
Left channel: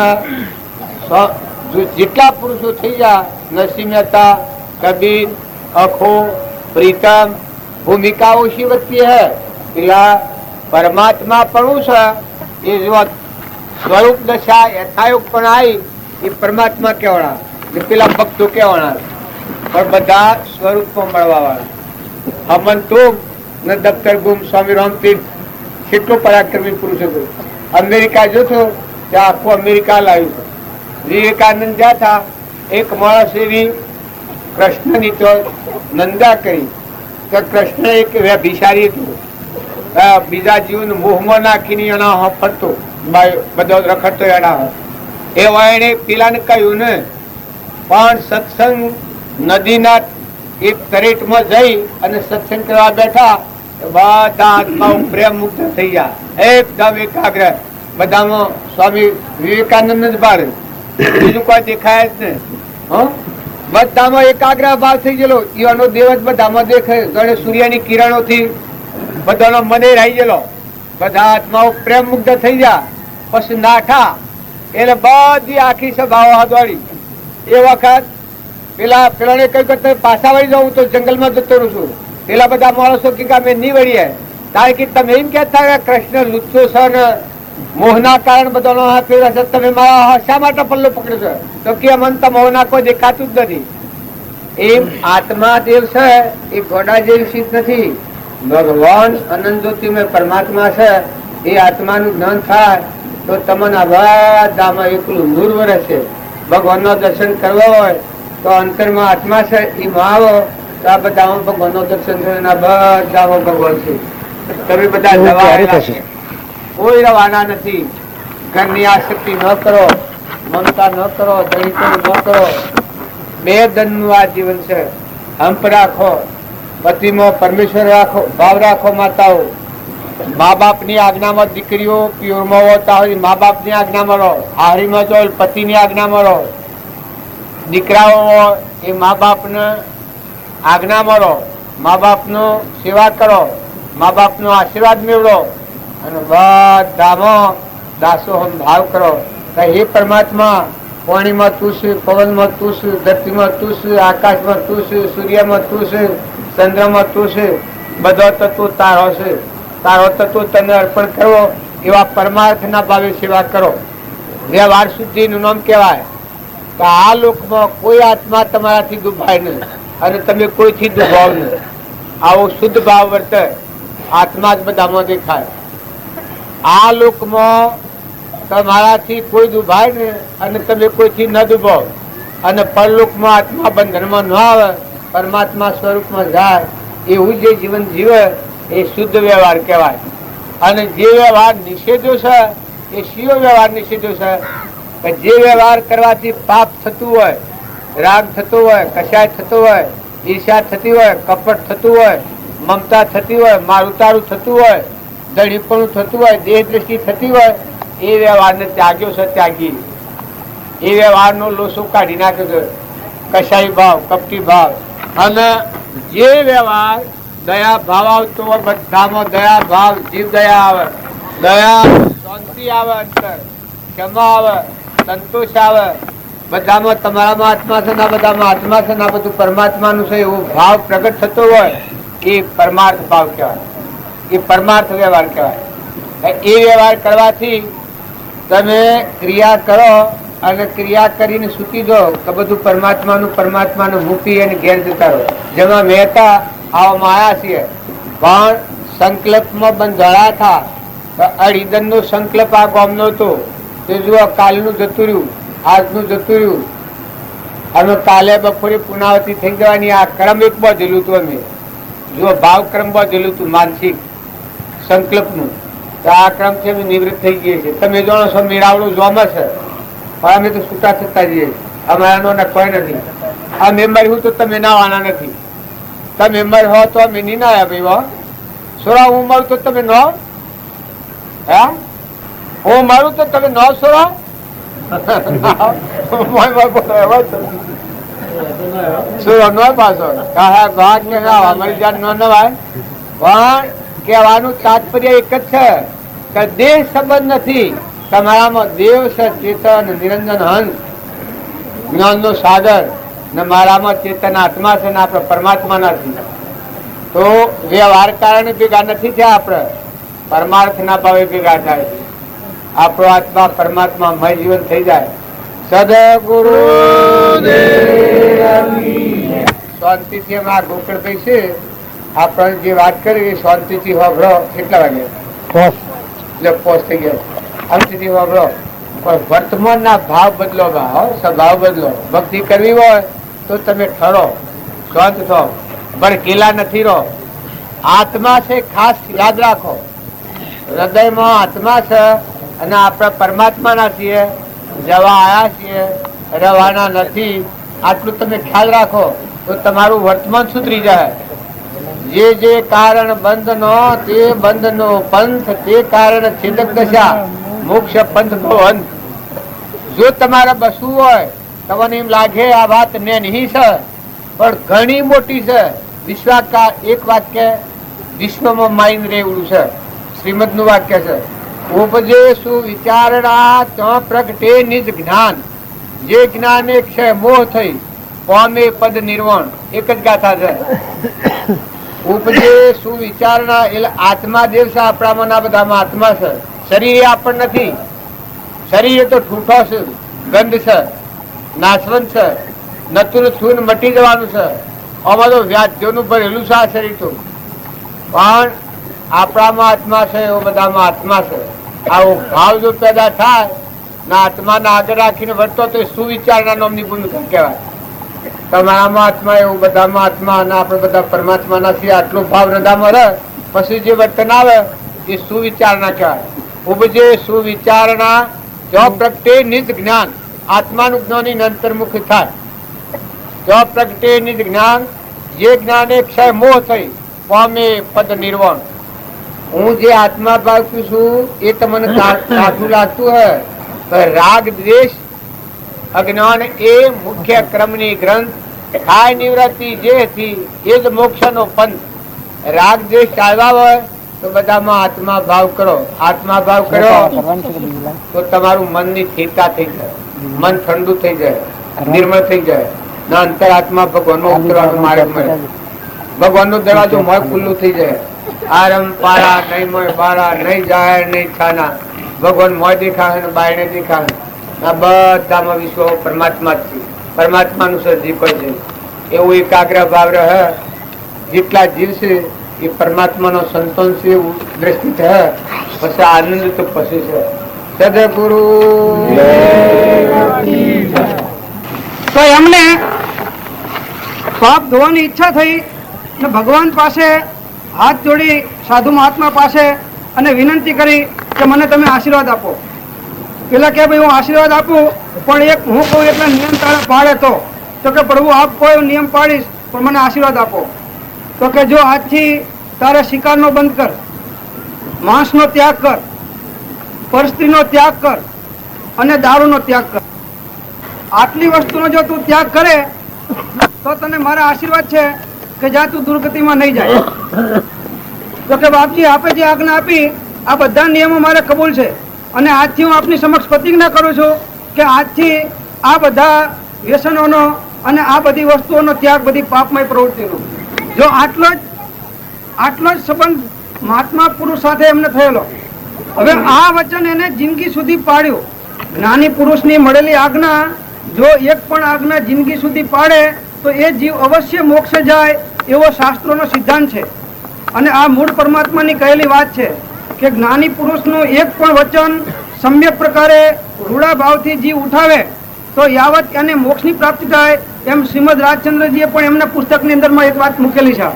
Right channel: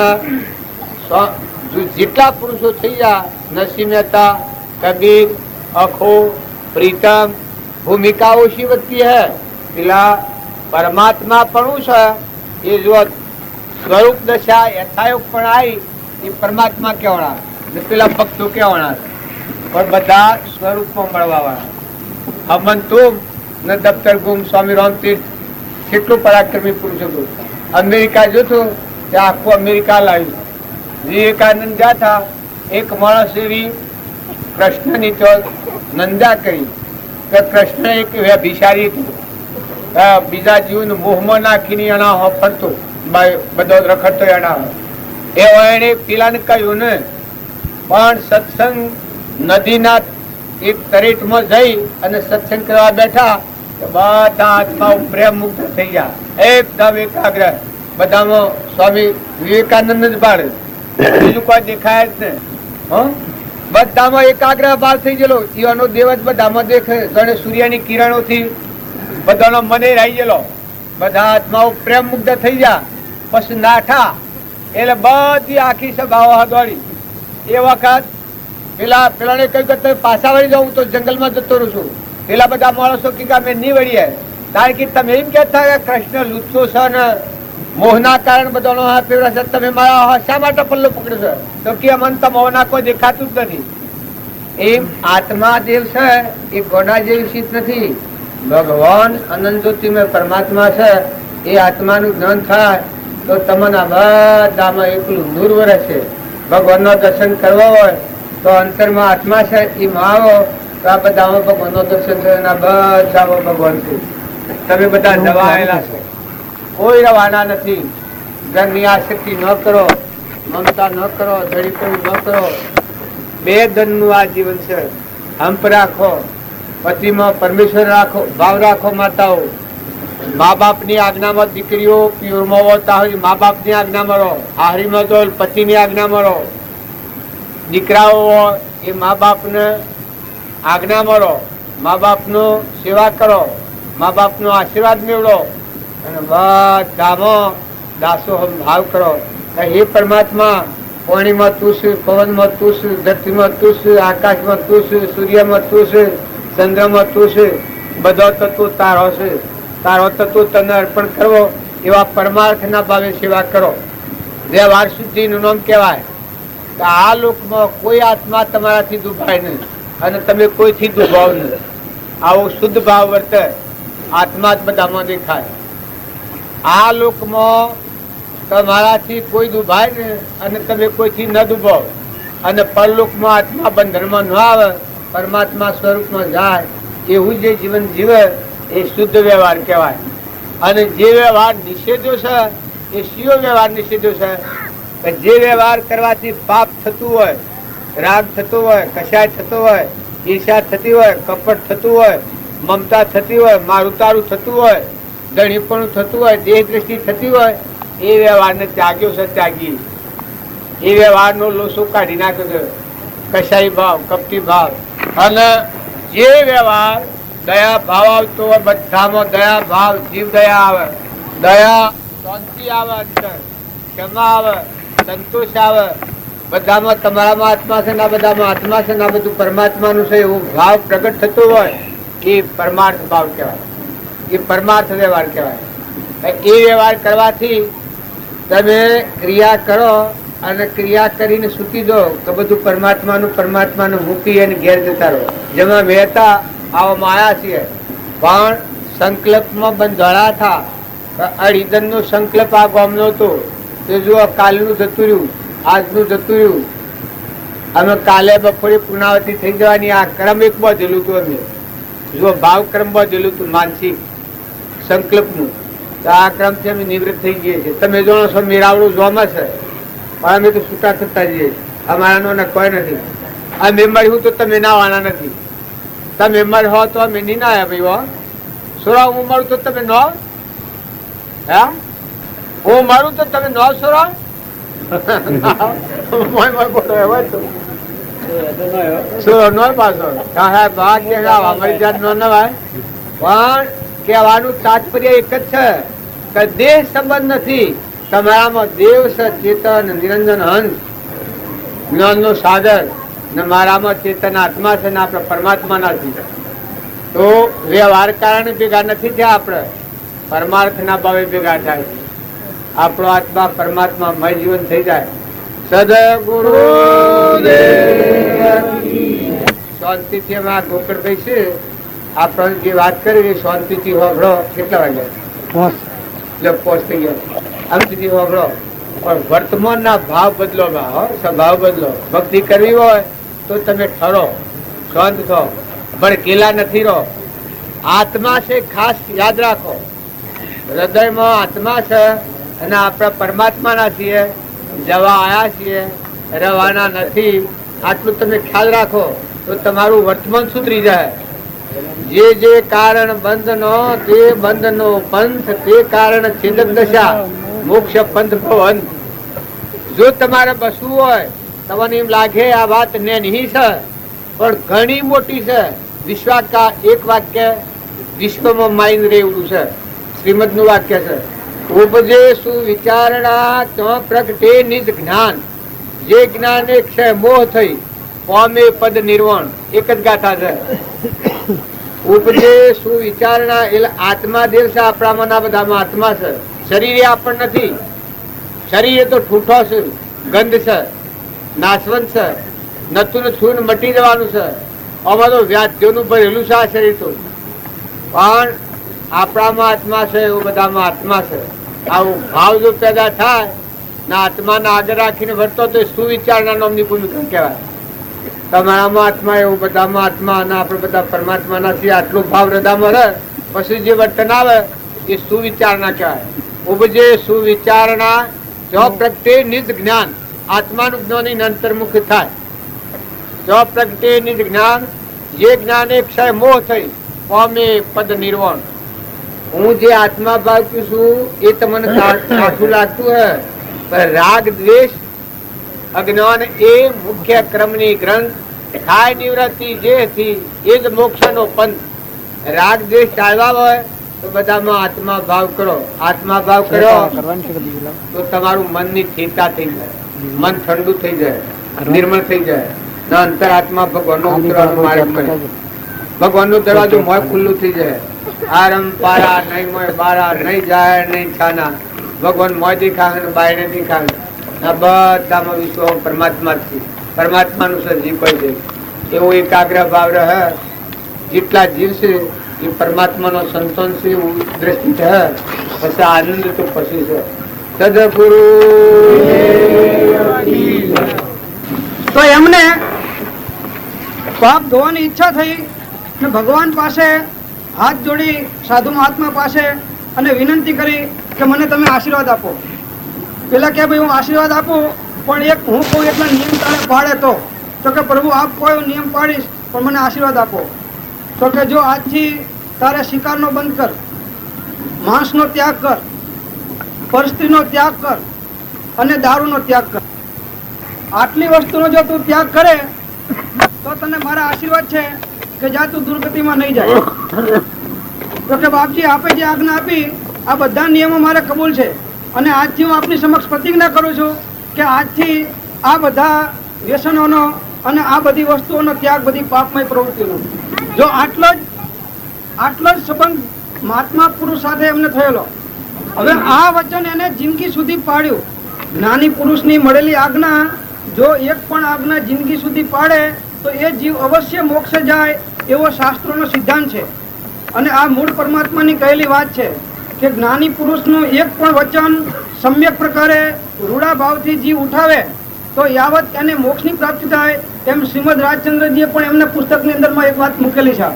જેટલા પુરુષો થઈ ગયા, નરસિંહ મહેતા, કબીર, અખો, પ્રીતમ, ભૂમિકાઓ શી વધતી હૈ. પેલા પરમાત્મા પણ છે એ જો સ્વરૂપ દશા યથાયુગ પણ આવી એ પરમાત્મા કહેવાના, પેલા ભક્તો કહેવાના, પણ બધા સ્વરૂપમાં મળવા વાળા. હમંતો ને દફતર ગુમ સ્વામી રામતીર્થ કેટલો પરાક્રમી પુરુષ હતો. અમેરિકા જોતો ત્યાં આખું અમેરિકા લાવ્યું છે. વિવેકાનંદ જ્યાં હતા એક માણસ એવી કૃષ્ણની તો નંદા કરી કે કૃષ્ણ એક વ્યભિચારી હતી, બીજા જીવન મોહમાં નાખીને એના ફરતો બધો રખડતો એના એવા એને પેલાને કહ્યું ને. પણ સત્સંગ નદીના એક તરેટમાં જઈ અને સત્સંગ કરવા બેઠા, બધા આત્માઓ પ્રેમ મુક્ત થઈ ગયા, એકદમ એકાગ્ર. બધામાં સ્વામી વિવેકાનંદ જ બાળ, બીજું કોઈ દેખાય જ નહીં. બધામાં એકાગ્ર ભાવ થઈ ગયેલો, એનો દેવ જ બધામાં દેખે, જાણે સૂર્યની કિરણોથી બધાનો મને રહી ગયેલો. બધા આત્માઓ પ્રેમ મુક્ત થઈ ગયા. પછી નાઠા એટલે બધી આખી સભાઓ દોડી. એ વખત પેલાને કહ્યું કે પાછા વળી જાઉં તો જંગલમાં જતો રહું છું. પેલા બધા માણસો કે અમે નહીં વળીએ, કારણ કે તમે એમ કહેતા કે કૃષ્ણ લુચ્ચો છે ને મોહના કારણે બધાનો હાથ ફેરવે છે, તમે મારા શા માટે પલ્લો પકડ્યો છે? તો કે મન તો મોહના કોઈ દેખાતું જ નથી. એમ આત્મા દેવ છે એ ગોડા જેવી શીત નથી. ભગવાન અનંત જ્યોતિમય પરમાત્મા છે, એ આત્માનું જ્ઞાન થાય તો તમને બધામાં એકલું નૂર વરસે. ભગવાનના દર્શન કરવા હોય તો અંતરમાં આત્મા છે એ માં આવો તો આ બધામાં ભગવાનનો દર્શન છે, બધામાં ભગવાન છે. તમે બધા જવાના છે, કોઈ રવાના નથી. ઘરની આસક્તિ ન કરો, મમતા ન કરો, દળીપણું ન કરો. બે ધનનું આ જીવન છે. હંપ રાખો, પતિમાં પરમેશ્વર રાખો, ભાવ રાખો. માતાઓ મા બાપની આજ્ઞામાં, દીકરીઓ પિયરમાં હોતા હોય મા બાપની આજ્ઞામાં રહો, હારીમાં જો પતિની આજ્ઞામાં રહો. દીકરાઓ એ મા બાપને આજ્ઞામાં રહો, મા બાપનો સેવા કરો, મા બાપનો આશીર્વાદ મેળવો અને બધામાં દાસોહમ ભાવ કરો. હે પરમાત્મા, પાણીમાં તું છે, પવનમાં તું છે, ધરતીમાં તું છે, આકાશમાં તું છે, સૂર્યમાં તું છે, ચંદ્રમાં તું છે. બધો તત્વો તારો છે. તારો તત્વો તને અર્પણ કરો. એવા પરમાર્થના ભાવે સેવા કરો. વ્યવહાર શુદ્ધિનું નામ કહેવાય કે આ લોકમાં કોઈ આત્મા તમારાથી દુભાય નહીં અને તમે કોઈથી દુભાવ નહીં. આવો શુદ્ધ ભાવ વર્તે, આત્મા જ બધામાં દેખાય. આ લોકમાં તમારાથી કોઈ દુભાય ને અને તમે કોઈથી ન દુભાવ, અને પરલોકમાં આત્મા બંધનમાં ન આવે, પરમાત્મા સ્વરૂપમાં જાય, એવું જે જીવન જીવે એ શુદ્ધ વ્યવહાર કહેવાય. અને જે વ્યવહાર નિષેધો છે એ શિયો વ્યવહાર નિષેધો છે કે જે વ્યવહાર કરવાથી પાપ થતું હોય, રાગ થતો હોય, કશાય થતો હોય, ઈર્ષા થતી હોય, કપટ થતું હોય, મમતા થતી હોય, મારું તારું થતું હોય, ધણીપણું થતું હોય, દેહ દ્રષ્ટિ થતી હોય, એ વ્યવહારને ત્યાગ્યો છે. ત્યાગી એ વ્યવહારનો લોસો કાઢી નાખ્યો છે, કશાઈ ભાવ, કપટી ભાવ. અને જે વ્યવહાર દયા ભાવ આવતો હોય, બધામાં દયા ભાવ, જીવ દયા આવે, દયા શાંતિ આવે, અંતર ક્ષમા આવે, સંતોષ આવે. બધામાં તમારામાં આત્મા છે, ના બધામાં આત્મા છે, ના બધું પરમાત્માનું છે, એવો ભાવ પ્રગટ થતો હોય એ પરમાર્થ ભાવ કહેવાય, એ પરમાર્થ વ્યવહાર કહેવાય. એ વ્યવહાર કરવાથી તમે ક્રિયા કરો અને ક્રિયા કરીને સૂકી જાઓ તો બધું પરમાત્માનું મૂકી અને ઘેર જતા રહો. જેમાં મહેતા આવવામાં આવ્યા છીએ, પણ સંકલ્પમાં બંધાણા થા. અડીગનનો સંકલ્પ આ ગામનો હતો કે જુઓ કાલનું જતું રહ્યું, આજનું જતું રહ્યું, અમે કાલે બપોરે પુનાવતી થઈ જવાની. આ ક્રમ એક બાંધેલું હતું. અમે જુઓ ભાવ ક્રમ બાંધેલું હતું માનસિક સંકલ્પનું. આ ક્રમ છે અમે નિવૃત્ત થઈ જઈએ છીએ. તમે જાણો છો મેળાવડું જોમાં છે, પણ અમે તો છૂટા થતા જઈએ છીએ. અમારાનો કોઈ નથી. આ મેમ્બર હું તો તમે ના વાળા નથી. તમે મેમ્બર હો તો અમે નહીં ના આવ્યા ભાઈ. સોરા હું મારું તો તમે ન, હે હું મારું તો તમે ન સોરા. કહેવાનું તાત્પર્ય એક જ છે કે દેહ સંબંધ નથી. તમારામાં દેવ છે, ચેતન નિરંજન હંસ જ્ઞાનનો સાગર, ને મારામાં ચેતન આત્મા છે ને આપણે પરમાત્મા નથી. તો વ્યવહાર કારણે ભેગા નથી થયા. આપણે પરમાર્થ ના ભાવે ભેગા થાય છે. આપણો આત્મા પરમાત્મા મય જીવન થઈ જાય. સદગુરુ શાંતિથી અમે આ ગોકળભાઈ છે આપણે જે વાત કરી શાંતિથી હોભળો. કેટલા વાગે પોસ્ટ થઈ ગયો. શાંતિથી હોભળો. પણ વર્તમાન ના ભાવ બદલો, સ્વભાવ બદલો. ભક્તિ કરવી હોય તો તમે ઠરો, શાંત થો, ભડકેલા નથી રહો. આત્મા છે ખાસ યાદ રાખો. હૃદયમાં આત્મા છે અને આપણે પરમાત્માના છીએ, જવા આયા છીએ, રવાના નથી. આટલું તમે ખ્યાલ રાખો તો તમારું વર્તમાન સુધરી જાય. જે કારણ બંધનો તે બંધનો પંથ, તે કારણ છેદક દશા મોક્ષ પંથ ભવન. જો તમારે બસવું હોય તમને એમ લાગે આ વાત ને નહીં છે, પણ ઘણી મોટી છે. વિશ્વાકાર એક વાક્ય વિશ્વમાં માઇન રેવડું છે. શ્રીમદ નું વાક્ય છે. ઉપજે સુવિચારણા તો પ્રગટે નિજ જ્ઞાન. જે જ્ઞાન એક છે મોહ થઈ પામે પદ નિર્વાણ. એક જ ગાથા છે. ઉપજે સુવિચારણા એટલે આત્મા દેવ છે. આપણામાં ના બધામાં આત્મા છે. શરીર આપણ નથી. શરીર તો ઠૂઠો છે, ગંધ છે, નાશવંત છે, નતું થયું મટી જવાનું છે. આમાં તો વ્યાધ્યોનું ભરેલું છે આ શરીર તો. પણ આપણામાં આત્મા છે, એવો બધામાં આત્મા છે. આવો ભાવ જો પેદા થાય ને આત્માને આગળ રાખીને વર્તો તો સુવિચારના નામની ભૂમિકા કહેવાય. તમારામાં આત્મા, એવું બધામાં આત્મા, અને આપણે બધા પરમાત્માના છીએ. આટલો ભાવ હૃદયમાં રહે પછી જે વર્તન આવે એ સુવિચારણા કહેવાય. ઉપજે સુવિચારણા જો પ્રગટે નિજ જ્ઞાન. આત્માનું જ્ઞાન અંતર્મુખ થાય. જો પ્રગટે નિજ જ્ઞાન, જે જ્ઞાન એ ક્ષય મોહ થઈ પામે પદ નિર્વાણ. હું જે આત્મા ભાવતું છું એ તમને કાઠું લાગતું હે, રાગ દ્વેષ અજ્ઞાન એ મુખ્ય ક્રમની ગ્રંથ. થાય નિવૃત્તિ જે થી એ જ મોક્ષનો પંથ. રાગ દ્વેષ ટાળવા હોય તો બધામાં આત્મા ભાવ કરો. આત્મા ભાવ કરો તો તમારું મનની સ્થિરતા થઈ જાય, મન ઠંડુ થઈ જાય, નિર્મળ થઈ જાય. ના અંતર આત્મા ભગવાનનો ઉતરવાનો માર્ગ મળે. ભગવાનનો દરવાજો મોય ખુલ્લું થઈ જાય. આરમ પારા નહીં મોય બારા, નહીં જાય નહીં છાના. ભગવાન મોય દેખાય ને બાયને દેખાય. આ બધામાં વિશ્વ પરમાત્મા જ છે. પરમાત્માનું સર્જી કોઈ છે એવું એકાગ્ર ભાવ રહે. જેટલા જીવ છે એ પરમાત્માનો સંતોન છે એવું દ્રષ્ટિ થાય. પછી આનંદ તો પછી છે. સદગુરુ તો એમને પાપ ધોવાની ઈચ્છા થઈ ને ભગવાન પાસે હાથ જોડી સાધુ મહાત્મા પાસે અને વિનંતી કરી કે મને તમે આશીર્વાદ આપો. પેલા કે ભાઈ હું આશીર્વાદ આપું, પણ એક હું કહું એટલે નિયમ તારા પાડે તો કે પ્રભુ આપ કોઈ નિયમ પાડીશ પણ મને આશીર્વાદ આપો. તો કે જો આજથી તારા શિકારનો બંધ કર, માંસનો ત્યાગ કર, પરસ્ત્રીનો ત્યાગ કર અને દારૂનો ત્યાગ કર. આટલી વસ્તુનો જો તું ત્યાગ કરે તો તને મારા આશીર્વાદ છે કે જા તું દુર્ગતિમાં નહીં જાય. તો કે બાપજી આપે જે આજ્ઞા આપી આ બધા નિયમો મારે કબૂલ છે અને આજથી હું આપની સમક્ષ પ્રતિજ્ઞા કરું છું કે આજથી આ બધા વ્યસનોનો અને આ બધી વસ્તુઓનો ત્યાગ, બધી પાપમય પ્રવૃત્તિનો. જો આટલો જ સંબંધ મહાત્મા પુરુષ સાથે એમને થયેલો. હવે આ વચન એને જિંદગી સુધી પાડ્યું જ્ઞાની પુરુષની મળેલી આજ્ઞા જો એક પણ આજ્ઞા જિંદગી સુધી પાડે તો એ જીવ અવશ્ય મોક્ષે જાય એવો શાસ્ત્રોનો સિદ્ધાંત છે. અને આ મૂળ પરમાત્માની કહેલી વાત છે કે જ્ઞાની પુરુષનું એક પણ વચન સમ્યક પ્રકારે રૂડા ભાવથી જીવ ઉઠાવે તો યાવત એને મોક્ષની પ્રાપ્તિ થાય એમ શ્રીમદ રાજચંદ્રજીએ પણ એમના પુસ્તકની અંદરમાં એક વાત મૂકેલી છે.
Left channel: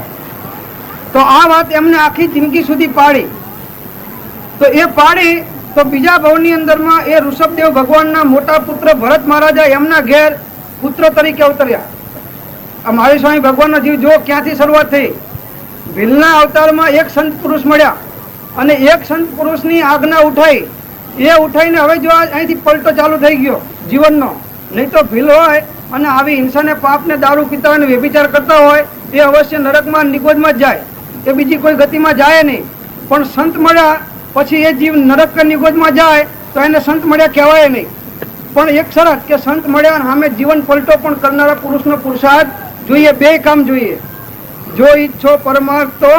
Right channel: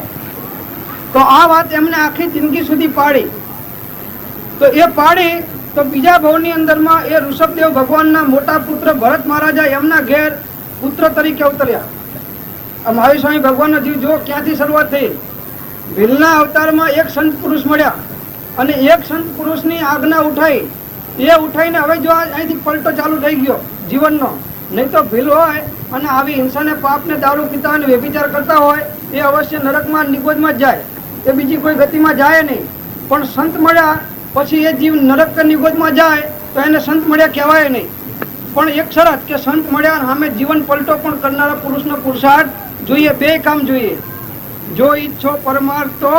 તો આ વાત એમને આખી જિંદગી સુધી પાડી. તો એ પાડી તો બીજા ભવની અંદરમાં એ ઋષભદેવ ભગવાનના મોટા પુત્ર ભરત મહારાજા એમના ઘેર પુત્ર તરીકે અવતર્યા. આ મહાવીર સ્વામી ભગવાનનો જીવ જો ક્યાંથી શરૂઆત થઈ. ભીલના અવતારમાં એક સંત પુરુષ મળ્યા અને એક સંત પુરુષની આજ્ઞા ઉઠાઈ. એ ઉઠાઈને હવે જો અહીંથી પલટો ચાલુ થઈ ગયો જીવનનો. નહીં તો ભીલ હોય અને આવી હિંસાને પાપને દારૂ પીતા અને વ્યભિચાર કરતા હોય એ અવશ્ય નરકમાં નિગોદમાં જ જાય, એ બીજી કોઈ ગતિમાં જાય નહીં. પણ સંત મળ્યા પછી એ જીવ નરક કે નિગોદમાં જાય તો એને સંત મળ્યા કહેવાય નહીં. પણ એક શરત કે સંત મળ્યા અને સામે જીવન પલટો પણ કરનારા પુરુષનો પુરુષાર્થ જોઈએ. બે કામ જોઈએ. જો ઈચ્છો પરમાર્થ તો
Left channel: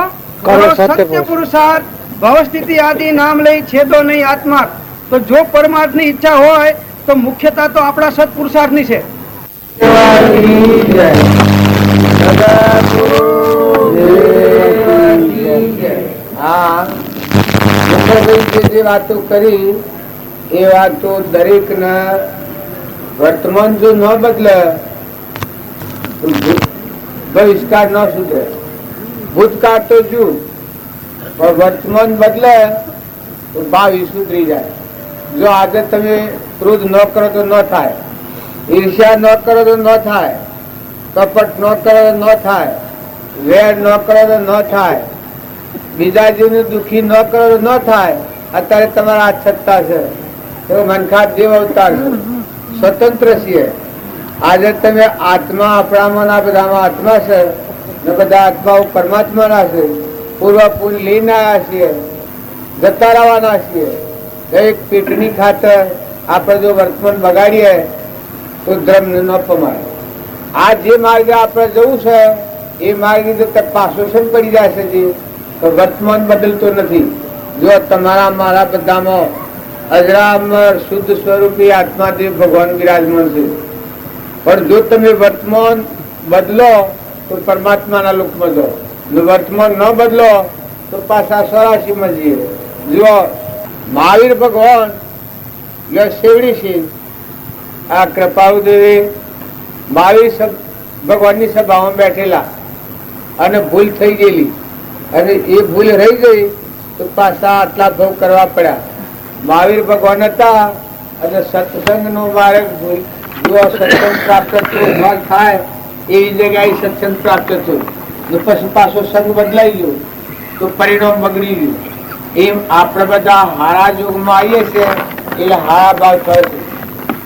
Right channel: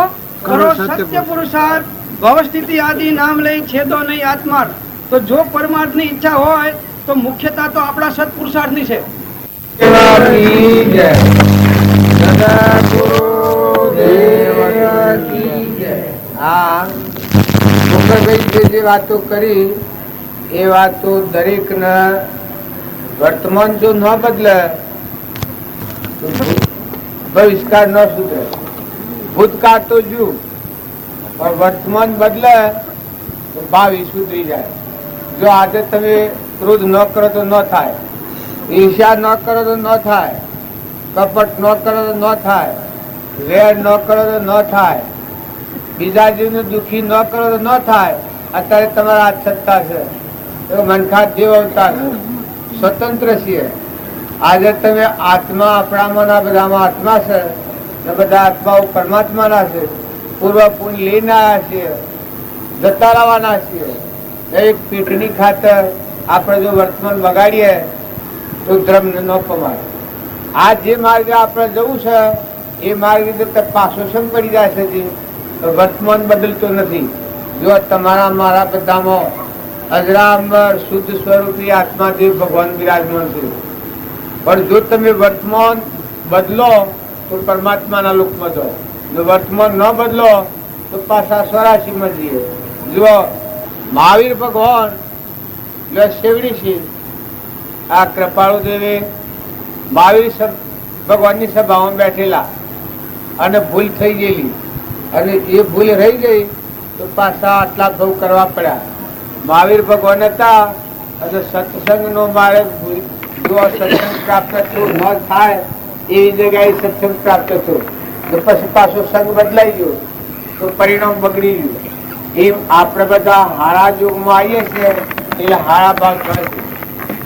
કરો સત્ય પુરુષાર્થ, ભવસ્થિતિ આદિ નામ લઈ છેદો નહીં આત્માર્થ. તો જો પરમાર્થની ઈચ્છા હોય તો મુખ્યતા તો આપણા સત્પુરુષાર્થની છે. જે વાતો કરી એ વાતો દરેક વર્તમાન જો ન બદલે તો બહિષ્કાર ન સુધરે. ભૂતકાળ તો જુ પણ વર્તમાન બદલે તો ભાવિ સુધરી જાય. જો આજે તમે ક્રોધ ન કરો તો ન થાય, ઈર્ષ્યા ન કરો તો ન થાય, કપટ ન કરો તો ન થાય, વેર ન કરો તો ન થાય, બીજા જીવને દુઃખી ન કરો તો ન થાય. અત્યારે તમારા આ સત્તા છે, મનખા દેવ અવતાર છે, સ્વતંત્ર છીએ. આજે તમે આત્મા આપણામાં બધામાં આત્મા છે ને બધા આત્માઓ પરમાત્માના છે. પૂર્વ પુણ્ય લઈને આવ્યા છીએ, જતા રહેવાના છીએ. દરેક પેટની ખાતર આપણે જો વર્તમાન બગાડીએ તો ધર્મને ન પમાડે. આ જે માર્ગે આપણે જવું છે એ માર્ગે તો પાછો શમ પડી જાય છે. જે વર્તમાન બદલતો નથી. જો તમારા મારા બધામાં અજરામર શુદ્ધ સ્વરૂપી આત્માદેવ ભગવાન બિરાજમાન છે. પણ જો તમે વર્તમાન બદલો તો પરમાત્માના લોકમાં જાઓ, વર્તમાન ન બદલો તો પાછા 84માં જઈએ. જો મહાવીર ભગવાન શેવડી છે, આ કૃપાળુ દેવી મહાવીર ભગવાનની સભામાં બેઠેલા અને ભૂલ થઈ ગયેલી અને એ ભૂલ રહી ગઈ તો પાછા આટલા ભવ કરવા પડ્યા. મહાવીર ભગવાન હતા અને સત્સંગનો માર્ગ જો સત્સંગ પ્રાપ્ત ન થાય એવી જગ્યાએ સત્સંગ પ્રાપ્ત થયો. પછી પાછો સંગ બદલાઈ ગયો તો પરિણામ બગડી ગયું. એમ આપણે બધા હારા યુગમાં આવીએ છીએ એટલે હારા ભાવ કરે છે.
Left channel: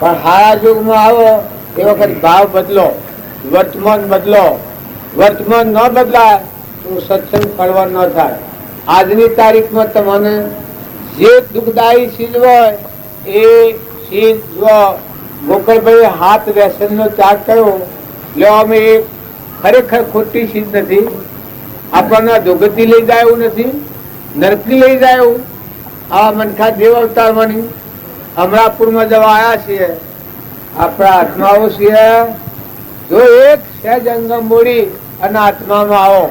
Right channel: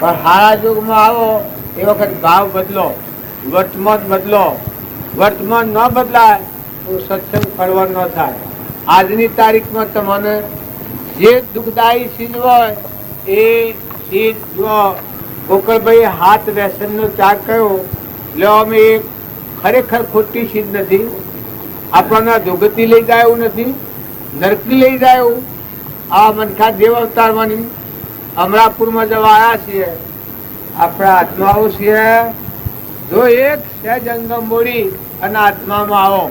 પણ હારા યુગમાં આવો એ વખત ભાવ બદલો, વર્તમાન બદલો. વર્તમાન ન બદલાય તો સત્સંગ ફળવા ન થાય. આજની તારીખમાં તમને જે દુઃખદાયી ચીજ હોય એ ચીજ જો ગોકળભાઈ હાથ વ્યસનનો ત્યાગ કર્યો એટલે અમે ખરેખર ખોટી ચીજ નથી. આપણને દુર્ગતિ લઈ જાય એવું નથી, નરકી લઈ જાય એવું. આ મનખા દેવ અવતારમાંની અમરાપુરમાં જવા આવ્યા છીએ. આપણા આત્માઓ છીએ. જો એક સહેજ અંગમ બોડી અને આત્મામાં આવો.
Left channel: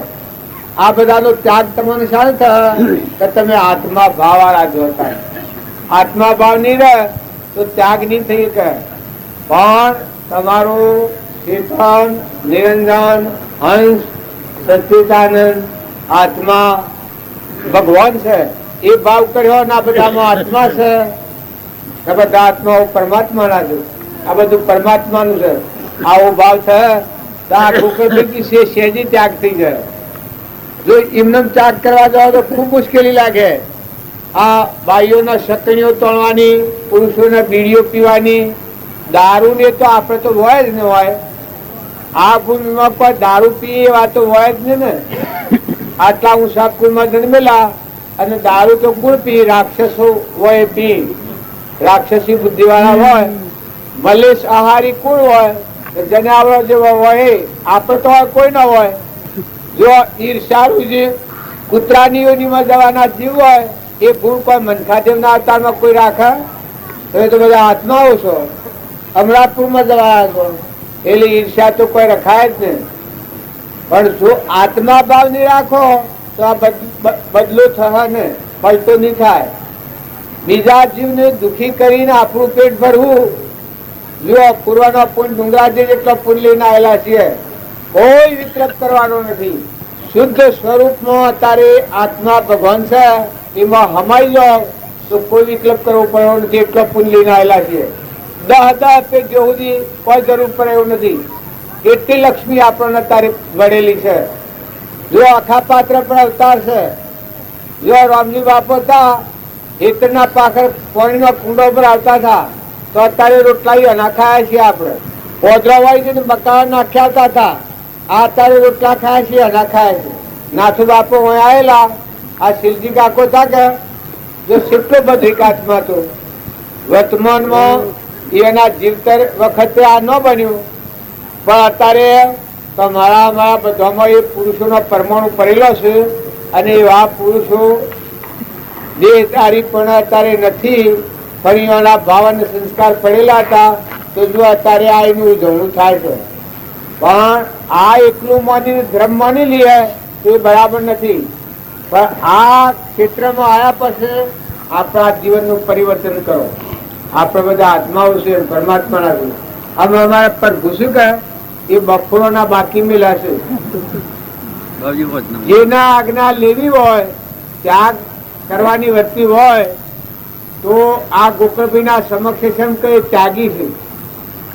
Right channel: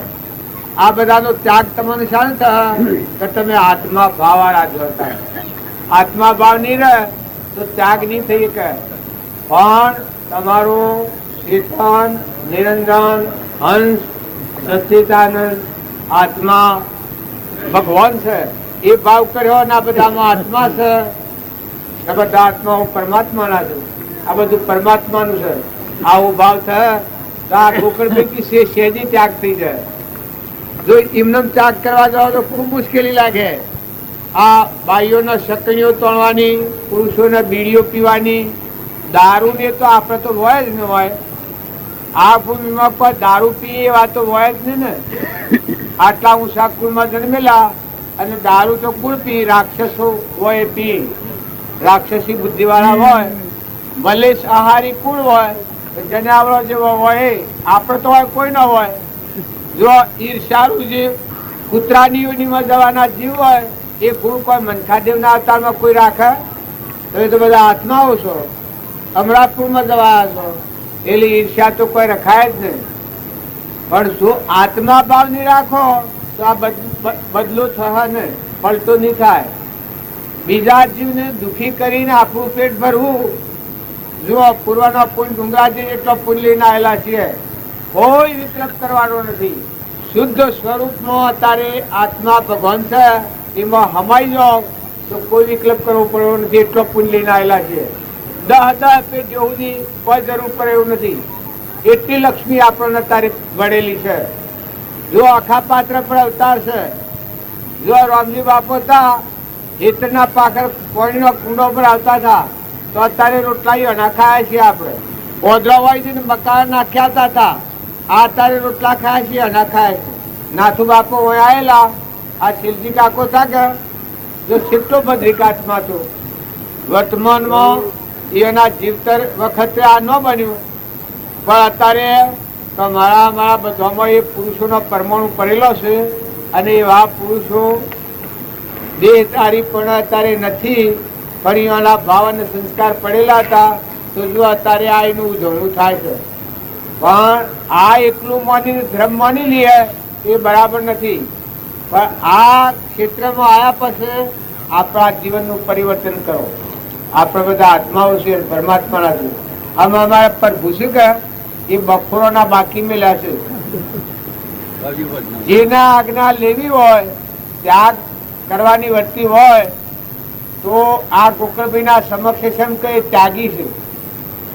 આ બધાનો ત્યાગ તમને શાને થાય કે તમે આત્મા ભાવ વાળા જો થાય. આત્મા ભાવ નહીં રહે તો ત્યાગ નહીં થઈ શકે. પણ તમારું ચેતન, નિરંજન, હંસ, સચ્ચિદાનંદ આત્મા ભગવાન છે એ ભાવ કર્યો ને આ બધામાં આત્મા છે. આ બધા આત્માઓ પરમાત્માના છે. આ બધું પરમાત્માનું છે. આવો ભાવ છે તો આ ગોકળ પૈકી સહેજી ત્યાગ થઈ જાય. જો એમને ત્યાગ કરવા જાવ તો ખૂબ મુશ્કેલી લાગે. આ બાઈઓના શકણીઓ તોડવાની, પુરુષોના બીડીઓ પીવાની, દારૂ ને તો આપણે તો હોય જ ને હોય. આ ભૂમિમાં કોઈ દારૂ પીએ એવા તો હોય જ ને. આટલા ઊંચા કુળમાં જન્મેલા અને દારૂ તો કુળ પી, રાક્ષસો હોય પી, રાક્ષસી બુદ્ધિ વાળા હોય, મલેશ આહારી કુળ હોય, જનાવરો જેવો હોય. આપણે તો કોઈ ન હોય. જો ઈર્ષાળુ જીવ, કૂતરાની યોનીમાં જવાના જીવ હોય એ ગુણ કોઈ મનખાદેવના અવતારમાં કોઈ રાખે? તમે તો બધા આત્માઓ છો, અમરાપુરમાં જવાયા છો, એટલે ઈર્ષ્યા તો કોઈ રખાય જ નહીં. પણ જો આત્મા ભાવ નહીં રાખો તો આ બદલો થશે નહીં, પલટો નહીં થાય. બીજા જીવને દુખી કરીને આપણું પેટ ભરવું. જો પૂર્વનો પુણ્ય ડુંગરાજી જેટલો પુણ્ય લઈને આવેલા છીએ, કોઈ વિકલ્પ કરવાનો નથી. શુદ્ધ સ્વરૂપમાં અત્યારે આત્મા ભગવાન છે, એમાં હમાઈ જાઓ તો કોઈ વિકલ્પ કરવો પડ્યો નથી. એટલો પુણ્ય લઈને આવેલા છીએ. 10 પેટ સુધી કોઈ જરૂર પડે એવું નથી. એટલી લક્ષ્મી આપણને અત્યારે વળેલી છે. જો આખા પાત્ર પર અવતાર છે. જો રામજી બાપુ હતા, હેતરના પાખર પાણીનો કુંડો પર આવતા હતા, તો અત્યારે રોટલા નાખાયા છીએ આપણે. ઓદરા વાળી મકાન નાખ્યા હતા, આ અત્યારે રોટલા ખાયા છીએ, નાખાયા છે. નાથુ બાપુ અહીં આવેલા, આ શિવજી કાકો હતા કે જો કેટલો બદ્રિકાતમાં હતો. વર્તમાનમાં એના જીવતર વખતે આ ન બન્યું, પણ અત્યારે તો મારા બધામાં એ પુરુષોનો પરમાણુ પડેલો છે. અને એવા પુરુષો દેહધારી પણ અત્યારે નથી, પણ એના ભાવ અને સંસ્કાર પડેલા હતા. તો જો અત્યારે આ એનું ઉજવણું થાય છે. પણ આ એકલું માની ધર્મ માની લઈએ તો એ બરાબર નથી. પણ આ ક્ષેત્રમાં આવ્યા પછી આપણા જીવનનું પરિવર્તન કરો. આપણે બધા આત્માઓ છે, પરમાત્માના છે. અમે અમારા પર ઘૂસી ગયા એ બફોરોના બાકી મેલા છે. જેના આજ્ઞા લેવી હોય, ત્યાગ કરવાની વર્તી હોય, તો આ ગોકળભાઈના સમક્ષ એમ કે ત્યાગી છે,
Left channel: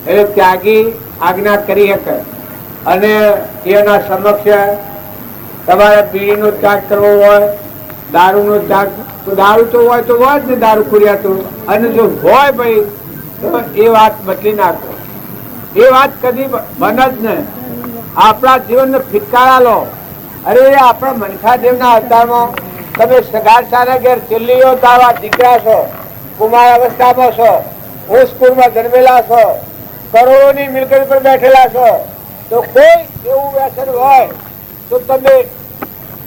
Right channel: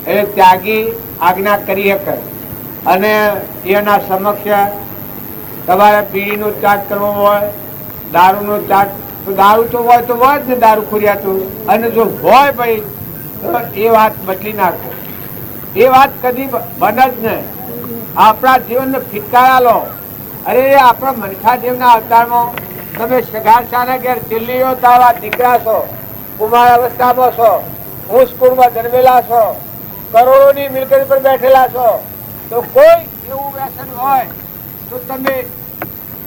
એટલે ત્યાગી આજ્ઞા કરી શકે. અને એના સમક્ષ તમારે બીડીનો ત્યાગ કરવો હોય, દારૂનો ત્યાગ, દારૂ તો હોય જ ને, દારૂ ખોર્યા તો. અને જો હોય ભાઈ તો એ વાત બદલી નાખો. એ વાત કદી બને જ ને. આપણા જીવનને ફિટકારા લો. અરે આપણા મનખાદેવના અવતારમાં તમે સગાર સારા ઘેર દિલ્હીઓ તારા દીકરા છો, કુમાર અવસ્થામાં છો, હોશપુરમાં જન્મેલા છો, કરોડોની મિલકત પર બેઠેલા છો, તો કોઈ એવું વ્યસન હોય તો તમે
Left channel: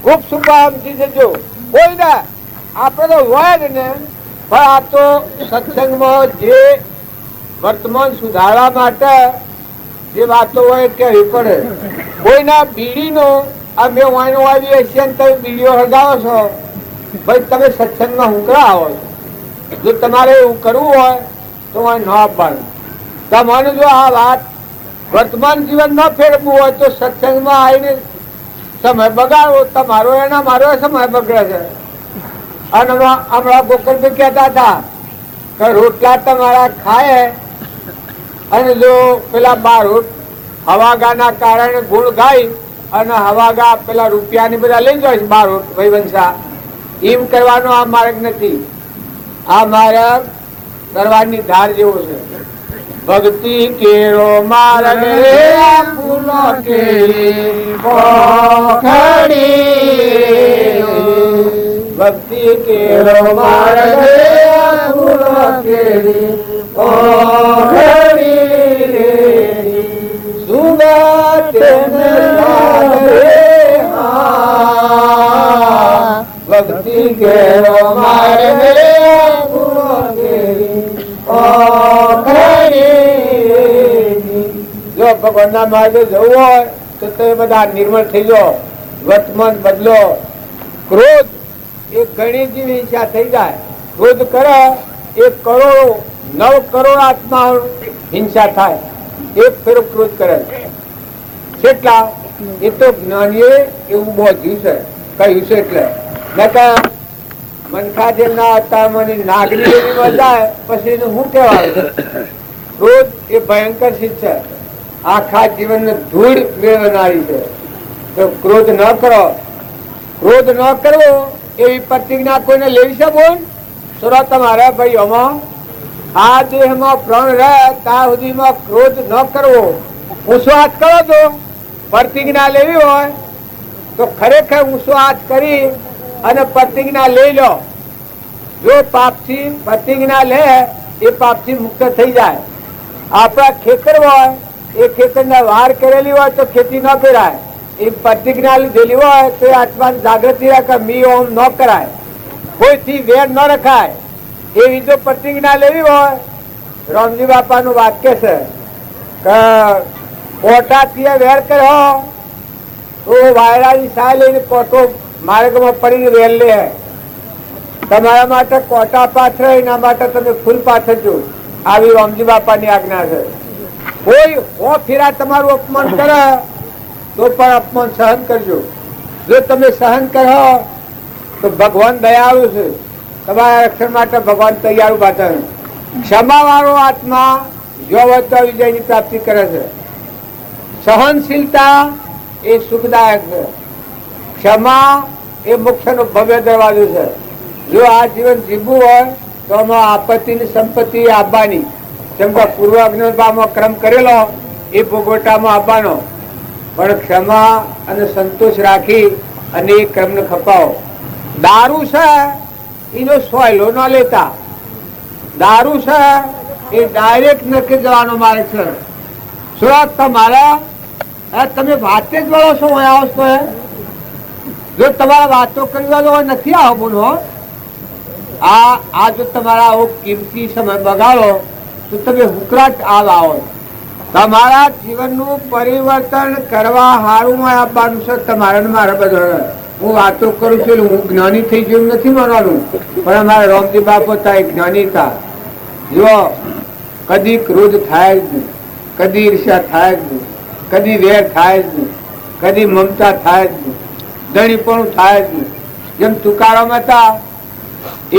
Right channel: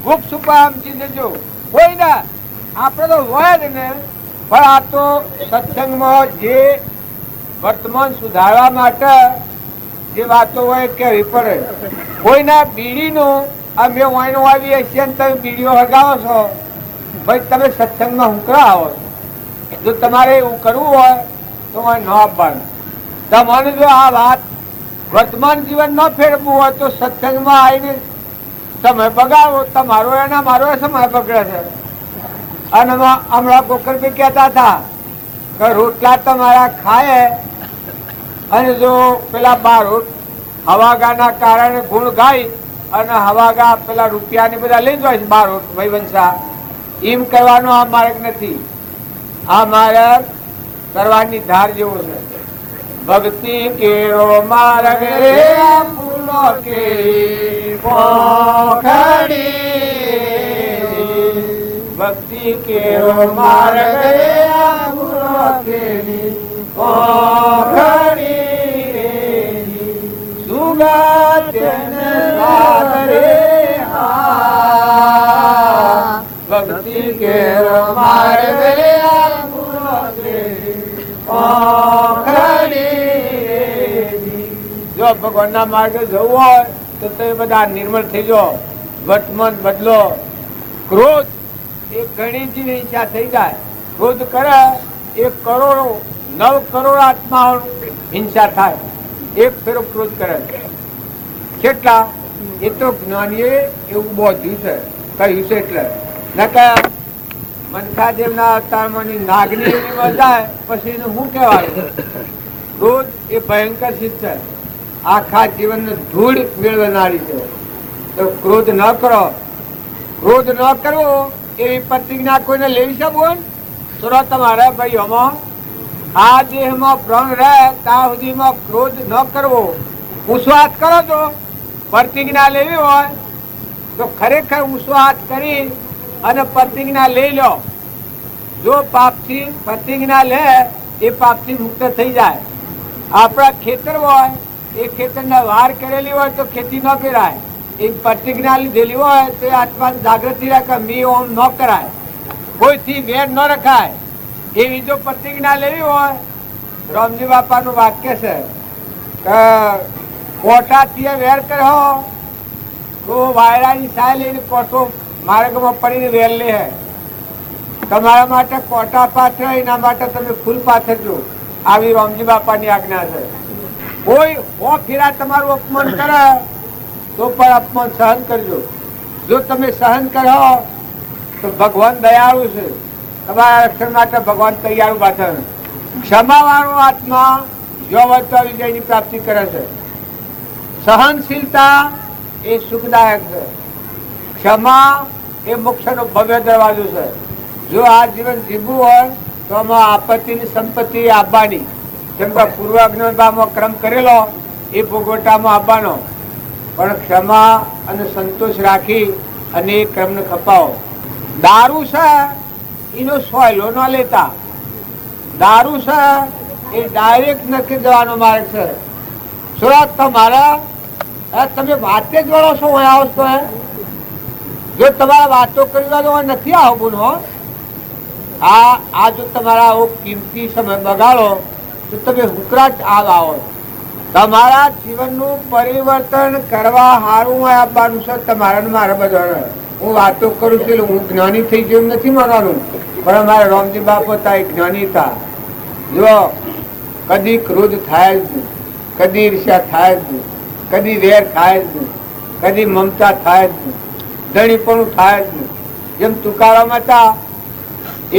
ખૂબ સુપા સમજી જજો. કોઈ ને આપણે તો હોય ને, પણ આ તો સત્સંગમાં જે વર્તમાન સુધારવા માટે જે વાતો હોય કહેવી પડે. કોઈના બીડીનું અમે વાઈનો આવી હશે ને તમે બીડીઓ હગાવો છો, ભાઈ તમે સત્સંગમાં હુંકરા આવો છો. જો તમારે એવું કરવું હોય તો ન આપવાનું. તમારે જો આ વાત વર્તમાન જીવન ન ફેરવવું હોય તો સત્સંગમાં આવીને સમય બગાડવો. તમારો એના મારો સમય બગડે છે. અને હમણાં ગોકળભાઈ કહેતા હતા કે રોટલા તમારા ખાય અને જો પેલા બારોટ હવાગાના કારણે ગુણ ગાય અને હવાગા પેલા રૂપિયાની બધા લઈ જાય છે બારોટ વૈવંશા, એમ કહેવાનો આ માર્ગ નથી. આ માર્ગ કરવાની ધાર જેવો છે. ભક્તિ કેરો માર્ગ રે ફૂલો કેરી પોખડી, ભક્તિ કેરો માર્ગ રે ફૂલો કેરી પોખડી, સુગત સ્વાદ રે હા, ભક્તિ કેરો માર્ગ રે ફૂલો કેરી પોખડી. જો ભગવાનના માર્ગે જવું હોય તો તે બધા નિર્મળ થઈ જાઓ, વર્તમાન બદલો. ક્રોધ એ ઘણી જેવી ઈચ્છા થઈ જાય. ક્રોધ કરે એ કરોડો 9 કરોડ આત્મા હિંસા થાય. એક ફેરો ક્રોધ કરે કેટલા એ તો જ્ઞાનીએ એવું બોધ્યું છે, કહ્યું છે. એટલે મનખાદેવના અવતારમાંની નાગની એવી વધાય પછી એને શું કહેવાય? ક્રોધ એ ભયંકર શીખ છે, આખા જીવનને ધૂળ મેળવનારી છે. તો ક્રોધ ન કરો. ક્રોધ ન કરવો એવી પ્રતિજ્ઞા કોઈને લેવી છે બોલ તો તમારે ભાઈ આમાં આ દેહમાં પ્રાણ રહે ત્યાં સુધીમાં ક્રોધ ન કરવો. ઊંચો હાથ કરો તો પ્રતિજ્ઞા લેવી હોય તો ખરેખર ઊંચો હાથ કરી અને પ્રતિજ્ઞા લઈ લો. જો પાપથી પ્રતિજ્ઞા લે એ પાપથી મુક્ત થઈ જાય. આપણા ખેતર હોય એ ખેતરના વાર કરેલી હોય તો ખેતી ન કરાય. એ પ્રતિજ્ઞા લીધેલી હોય તો આત્મા જાગૃતિ રાખે, મી ઓમ ન કરાય, કોઈથી વેર ન રખાય. એવી જો પ્રતિજ્ઞા લેવી હોય, રામજી બાપાનું વાક્ય છે કે કોટાથી વેર કર્યો તો વાયરાની સાય લઈને કોટો માર્ગમાં પડીને વેર લે. તમારા માટે કોટા પાથરે, એના માટે તમે ફૂલ પાથરજો. આવી રામજી બાપાની આજ્ઞા છે. કોઈ હો ફેરા તમારું અપમાન કરે તો પણ અપમાન સહન કરજો. જો તમે સહન કરો તો ભગવાન દયાળુ છે, તમારા રક્ષણ માટે ભગવાન તૈયાર પાછળ. ક્ષમા વાળો આત્મા જો વિજયની પ્રાપ્તિ કરે છે. સહનશીલતા એ સુખદાયક છે. ક્ષમા એ મોક્ષનો ભવ્ય દરવાજો છે. જો આ જીવન જીવવું હોય તો આમાં આપત્તિની સંપત્તિ આપવાની, જેમ કે પૂર્વ અજ્ઞાનમાં ક્રમ કરેલો એ ભોગવટામાં આપવાનો, પણ ક્ષમા અને સંતોષ રાખી અને એ ક્રમને ખપાવો. દારૂ છે એનો સોયલો ન લેતા. દારૂ છે એ ડાયરેક્ટ નક્કી જવાનો માર્ગ છે. શું તમારા તમે વાતે જ વળો છો? આવો તો જો તમારા વાતો કરવા નથી આવો બોલો. આ જો તમારા આવો કિંમતી સમય બગાડો તો તમે હુકરાટ આવો. તમારા જીવનનું પરિવર્તન કરવા હારું આપવાનું છે તમારે મારા બધાને. હું વાતો કરું છું, હું જ્ઞાની થઈ ગયું નથી માનવાનું, પણ અમારા રામજી બાપુ હતા એ જ્ઞાની હતા. જો કદી ક્રોધ થાય જ નહીં, કદી ઈર્ષ્યા થાય જ નહીં, કદી વેર થાય જ નહીં, કદી મમતા થાય જ નહીં, ધણીપણું થાય જ નહીં. જેમ તુકારામ હતા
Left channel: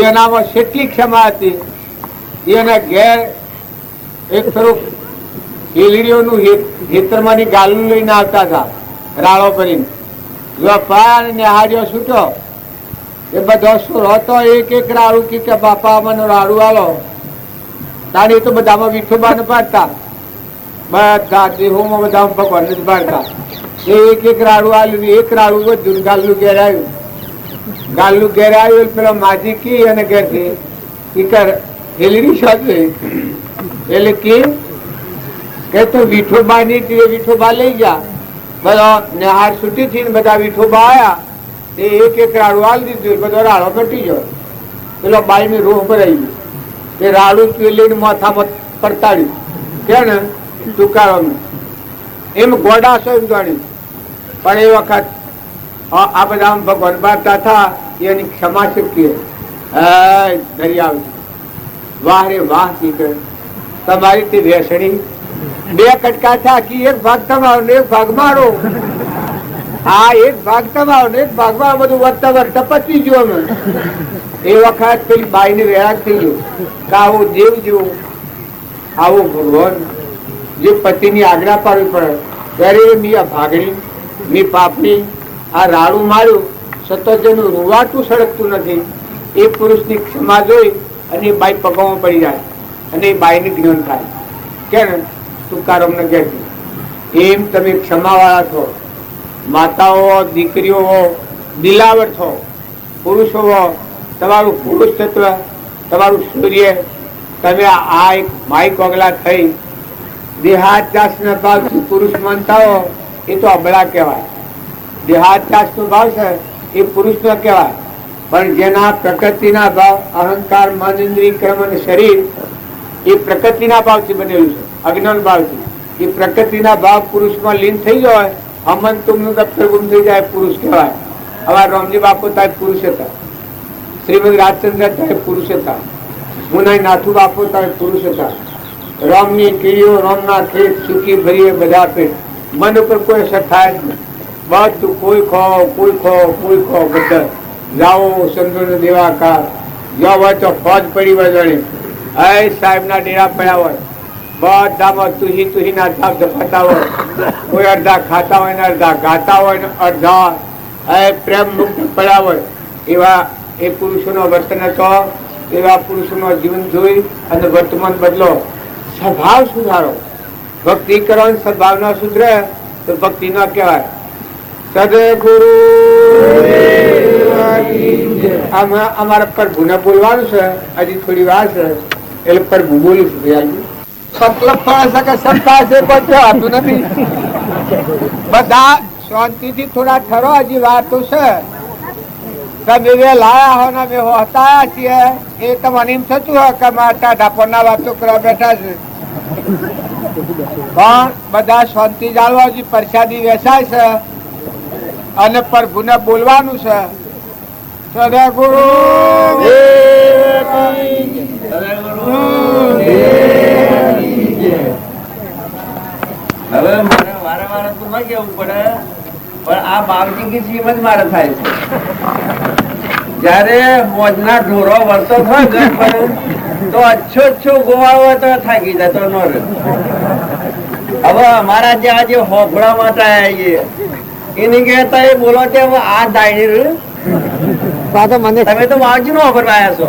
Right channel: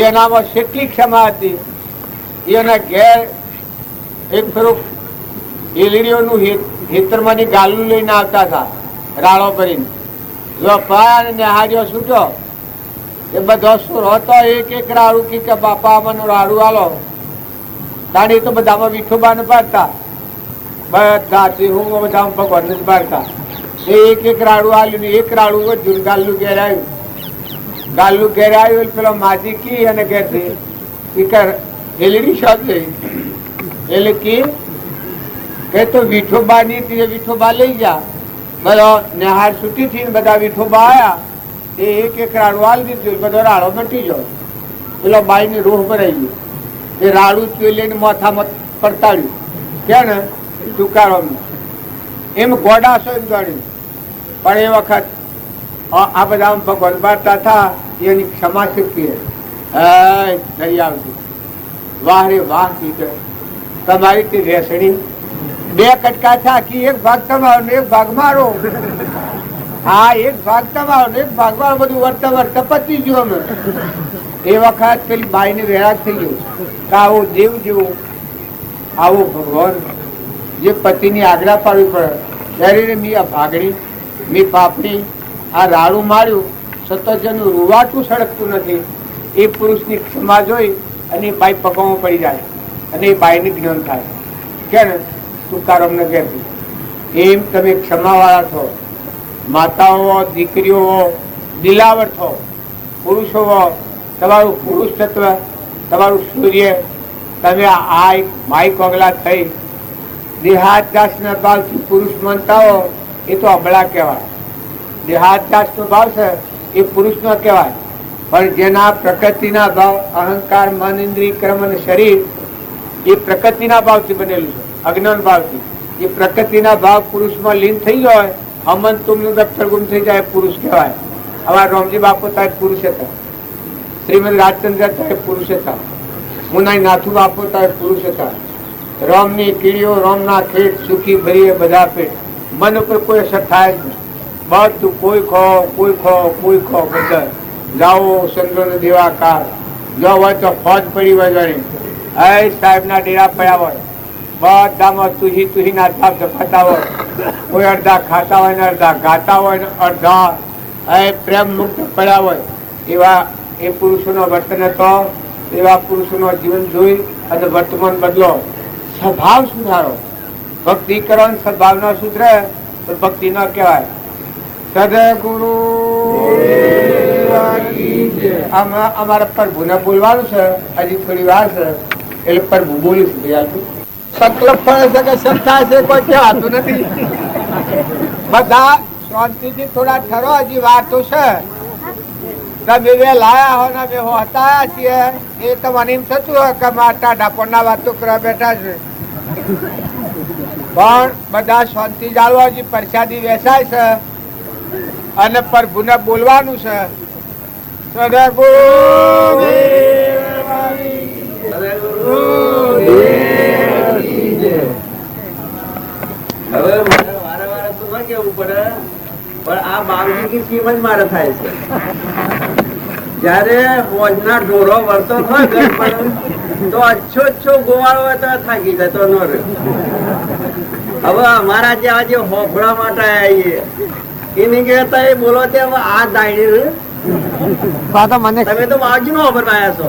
એનામાં કેટલી ક્ષમા હતી. એના ઘેર એક થોડુંક હેલીડીઓનું હેતરમાંની ગાલું લઈને આવતા હતા રાળો ભરીને. જો પાયા અને નિહાળ્યો છૂટો એ બધો સુર હતો. એક રાડું કે બાપા મને રાડું આલો. તારી તો બધામાં વિઠોબાને પાડતા, બધા દેહોમાં બધામાં ભગવાનને જ પાડતા. એક રાડું આવ્યું, એક રાડું વધ્યું, ગાલ્લું ઘેર આવ્યું. ગાલ્લું ઘેર આવ્યું પેલો માજી કી અને ઘેરથી હેલીડી શોધ એટલે કે તો વિઠોબા ની વિઠોબા લઈ ગયા. બધો નિહાર છૂટી થી બધા વિઠોબા આયા. એ એક રાડું આલી દીધું, બધો રાડો મટી ગયો. પેલો બાઈ ની રૂહ ભરાઈ ગઈ. એ રાડું લઈને માથામાં પડતાડ્યું. કે ને તુકારો એમ ગોડા છો એમ જાણ્યું. પણ એ વખત આ બધા ભગવાન બારતા હતા એની ક્ષમા શક્તિ દરિયાવતી. વાહ રે વાહ કી તમારી તે ભેસણી બે કટકા થાકી, એક ભાગ તમારો ને એક ભાગ મારો. હા, એક ભાગ તમારો ને એક ભાગ મારો. બધું વર્તા વર્તા પતી ગયું. અમે એ વખત પેલી બાઈ ને વેરા થઈ ગયું કે આવો દેવ જેવો આવો ભગવાન જે પતિની આજ્ઞા પાડવી પડે ત્યારે મી આ ભાગણી મી પાપડી આ રાડું માર્યું સતત જેનું રૂવાટું સળગતું નથી. એ પુરુષની ક્ષમા જોઈ અને એ બાઈ પગમાં પડી જાય અને એ બાઈની જ્ઞાન થાય. કે ને તુકારામ ને કહેતી એમ તમે ક્ષમાવાળા છો. માતાઓ, દીકરીઓ, દિલાવર છો. પુરુષો તમારું પુરુષ તત્વ, તમારું સૂર્ય, તમે આ એક માઈ કોગલા થઈ દેહાત્યાસના ભાવથી પુરુષ માનતા હો એ તો અબળા કહેવાય. દેહાત્યાસનો ભાવ છે એ પુરુષનો કહેવાય. પણ જેના પ્રકૃતિના ભાવ અહંકાર, મન, ઇન્દ્રિય, કર્મ અને શરીર એ પ્રકૃતિના ભાવથી બનેલું છે, અજ્ઞાન ભાવથી. એ પ્રકૃતિના ભાવ પુરુષમાં લીન થઈ જાય, અમન તુમનું દફતર ગુમ થઈ જાય, પુરુષ કહેવાય. અમારા રામજી બાપુ તાય પુરુષ હતા, શ્રીમદ રાજચંદ્ર તાય પુરુષ હતા, મુનાઈ નાથુ બાપુ તાય પુરુષ હતા. રામની કીડીઓ, રામના ખેત સુખી ભરીએ બધા પેટ. મન ઉપર કોઈ અસર થાય જ નહીં. બધું કોઈ ખો, કોઈ ખો, કોઈ ખો, બધા જાઓ ચંદ્રનો દેવાકાર. જો હોય તો ફોજ પડી હોય જાણે સાહેબના ડેરા પડ્યા હોય, બધામાં તુહીના ધાપ ઝપાતા હોય. કોઈ અડધા ખાતા હોય ને અડધા ગાતા હોય ને અડધા પ્રેમ મુક્ત પડ્યા હોય. એવા એ પુરુષોનો વર્તન હતો. એવા પુરુષોનો જીવન જોઈ અને વર્તમાન બદલો. સ્વભાવ સુધારો. ભક્તિ કરવાની સ્વભાવ ન સુધરે તો ભક્તિ ન કહેવાય. સદગુરુ અમારા પ્રભુને બોલવાનું છે, હજી થોડી વાર છે એટલે પ્રભુ બોલું છું. સંકલ્પ થશે કે સબ થાય છે કોઈ કહેવાતું નથી. બધા શાંતિથી થોડા ઠરો, હજી વાર તો છે. તમે બે લાયા હો ને બે હતાયા છીએ એ તમને એમ થતું હોય કે મારા ઢાપોના વાતો કરવા બેઠા છે, પણ બધા શાંતિ જાળવાજી પ્રસાદી વેચાય છે અને પ્રભુને બોલવાનું છે. સદગુરુ હવે મારે વારે વારે તો ન કેવું પડે, પણ આ બાવજી કી સીમ જ મારે થાય છે. જયારે મોજના ઢોરો વળતો થાય તો અચ્છો ગોવાળો તો થાકી જતો ન રહ્યો. હવે અમારા જેવા જે હોફળા માટે આવીએ એની કહેતા એ બોલો છે આ દાયડી મને તમે તો બાવજી નો ઓફર આવ્યા છો.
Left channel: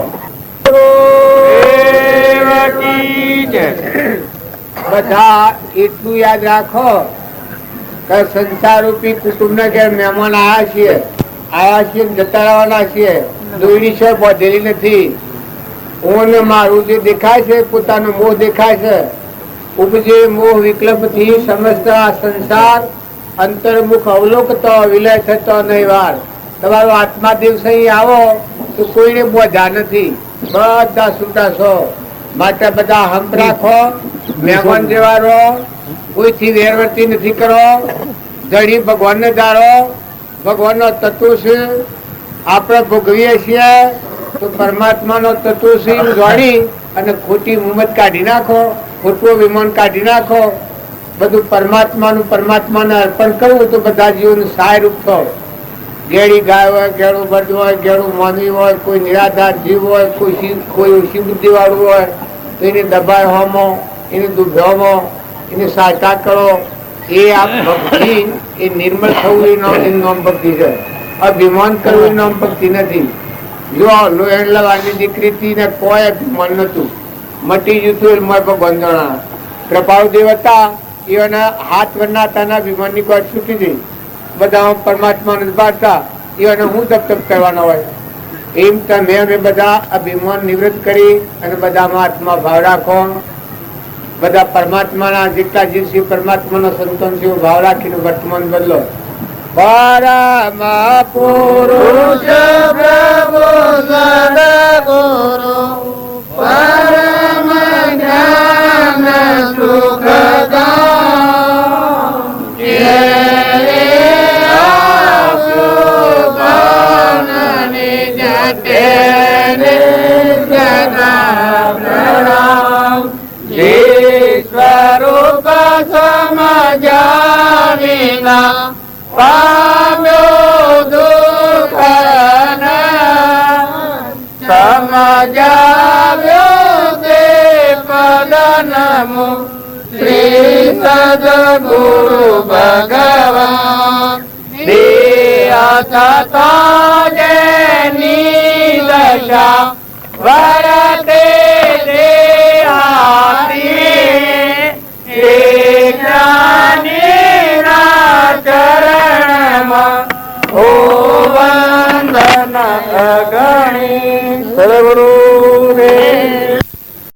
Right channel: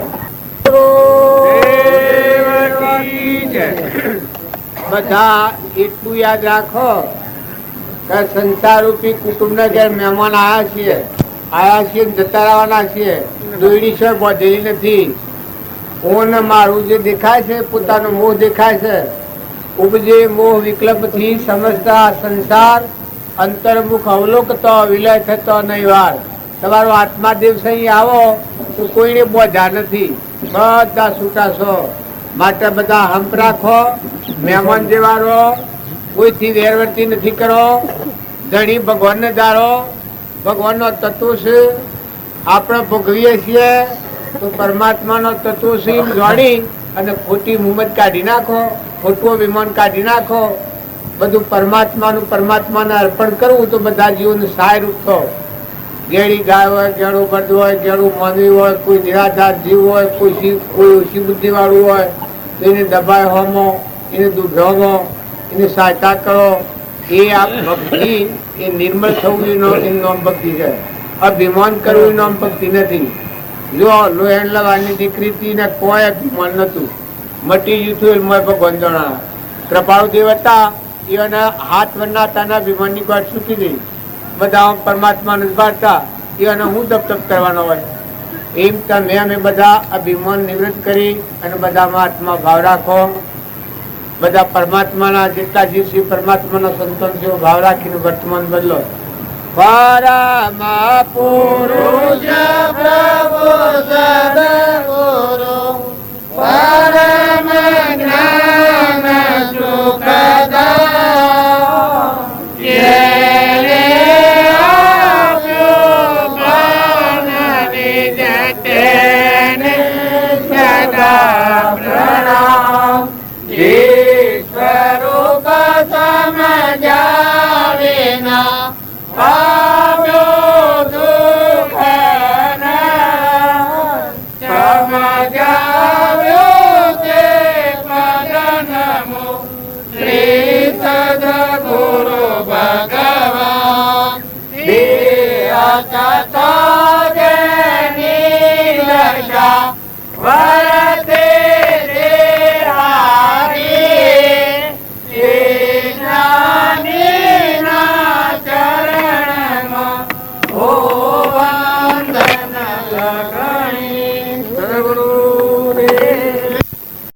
બધા એટલું યાદ રાખો કે સંસાર રૂપી કુટુંબ ને ઘેર મહેમાન આયા છીએ જતા રહેવાના છીએ. દોયડી છે બોધેલી નથી. હું મારું જે દેખાય છે પોતાનો મોહ દેખાય છે. ઉપજે મોહ વિકલ્પ થી સમજતા સંસાર અંતર્મુખ અવલોકતો વિલય થતો નહીં વાર. તમારો આત્મા દિવસ અહીં આવો તો કોઈને બોધા નથી, બધા છૂટા છો. માટે બધા હંપ રાખો, મહેમાન જેવા રહો, કોઈથી વેરવર્તી નથી કરો. જડી ભગવાનને દારો, ભગવાનનો તત્વ છે આપણે ભોગવીએ છીએ તો પરમાત્માનો તત્વ છે એમ જાણી અને ખોટી મુમત કાઢી નાખો, ખોટું વિમાન કાઢી નાખો. બધું પરમાત્માને અર્પણ કરવું તો બધા જીવનું સહાય રૂપ થો. ગેડી ગાય હોય, ગેડું બર્દ હોય, ગેડું માનવી હોય, કોઈ નિરાધાર જીવ હોય, કોઈ ઓછી બુદ્ધિ વાળું હોય તો એને દબાય હોમો, એને દુભોમો, એને સહાયતા કરો. એ આ ભક્તિ એ નિર્મળ થવું એનું નામ ભક્તિ છે. અભિમાન કરવું નામ ભક્તિ નથી. જો લોહેણ લવાની દીકરી હતી ને કોઈ અભિમાન નતું, મટી જતું ભગવાન જણા. પ્રભાવ દેવતા એના હાથ વરનાતાના અભિમાનની વાત છૂટી ગઈ. બધા પરમાત્માને પાડતા એને હું તપ કરવાનો હોય. એમ તમે અમે બધા અભિમાન નિવૃત્ત કરી અને બધામાં આત્મા ભાવ રાખો. બધા પરમાત્માના જેટલા જીવ છે પરમાત્માના સંતાન છે ભાવ રાખીને વર્તમાન બદલો. પરમ પુરુષ પ્રભુ સદગુરુ પરમ જ્ઞાન સદગુરુ ભગવાન નિરત જેની દશા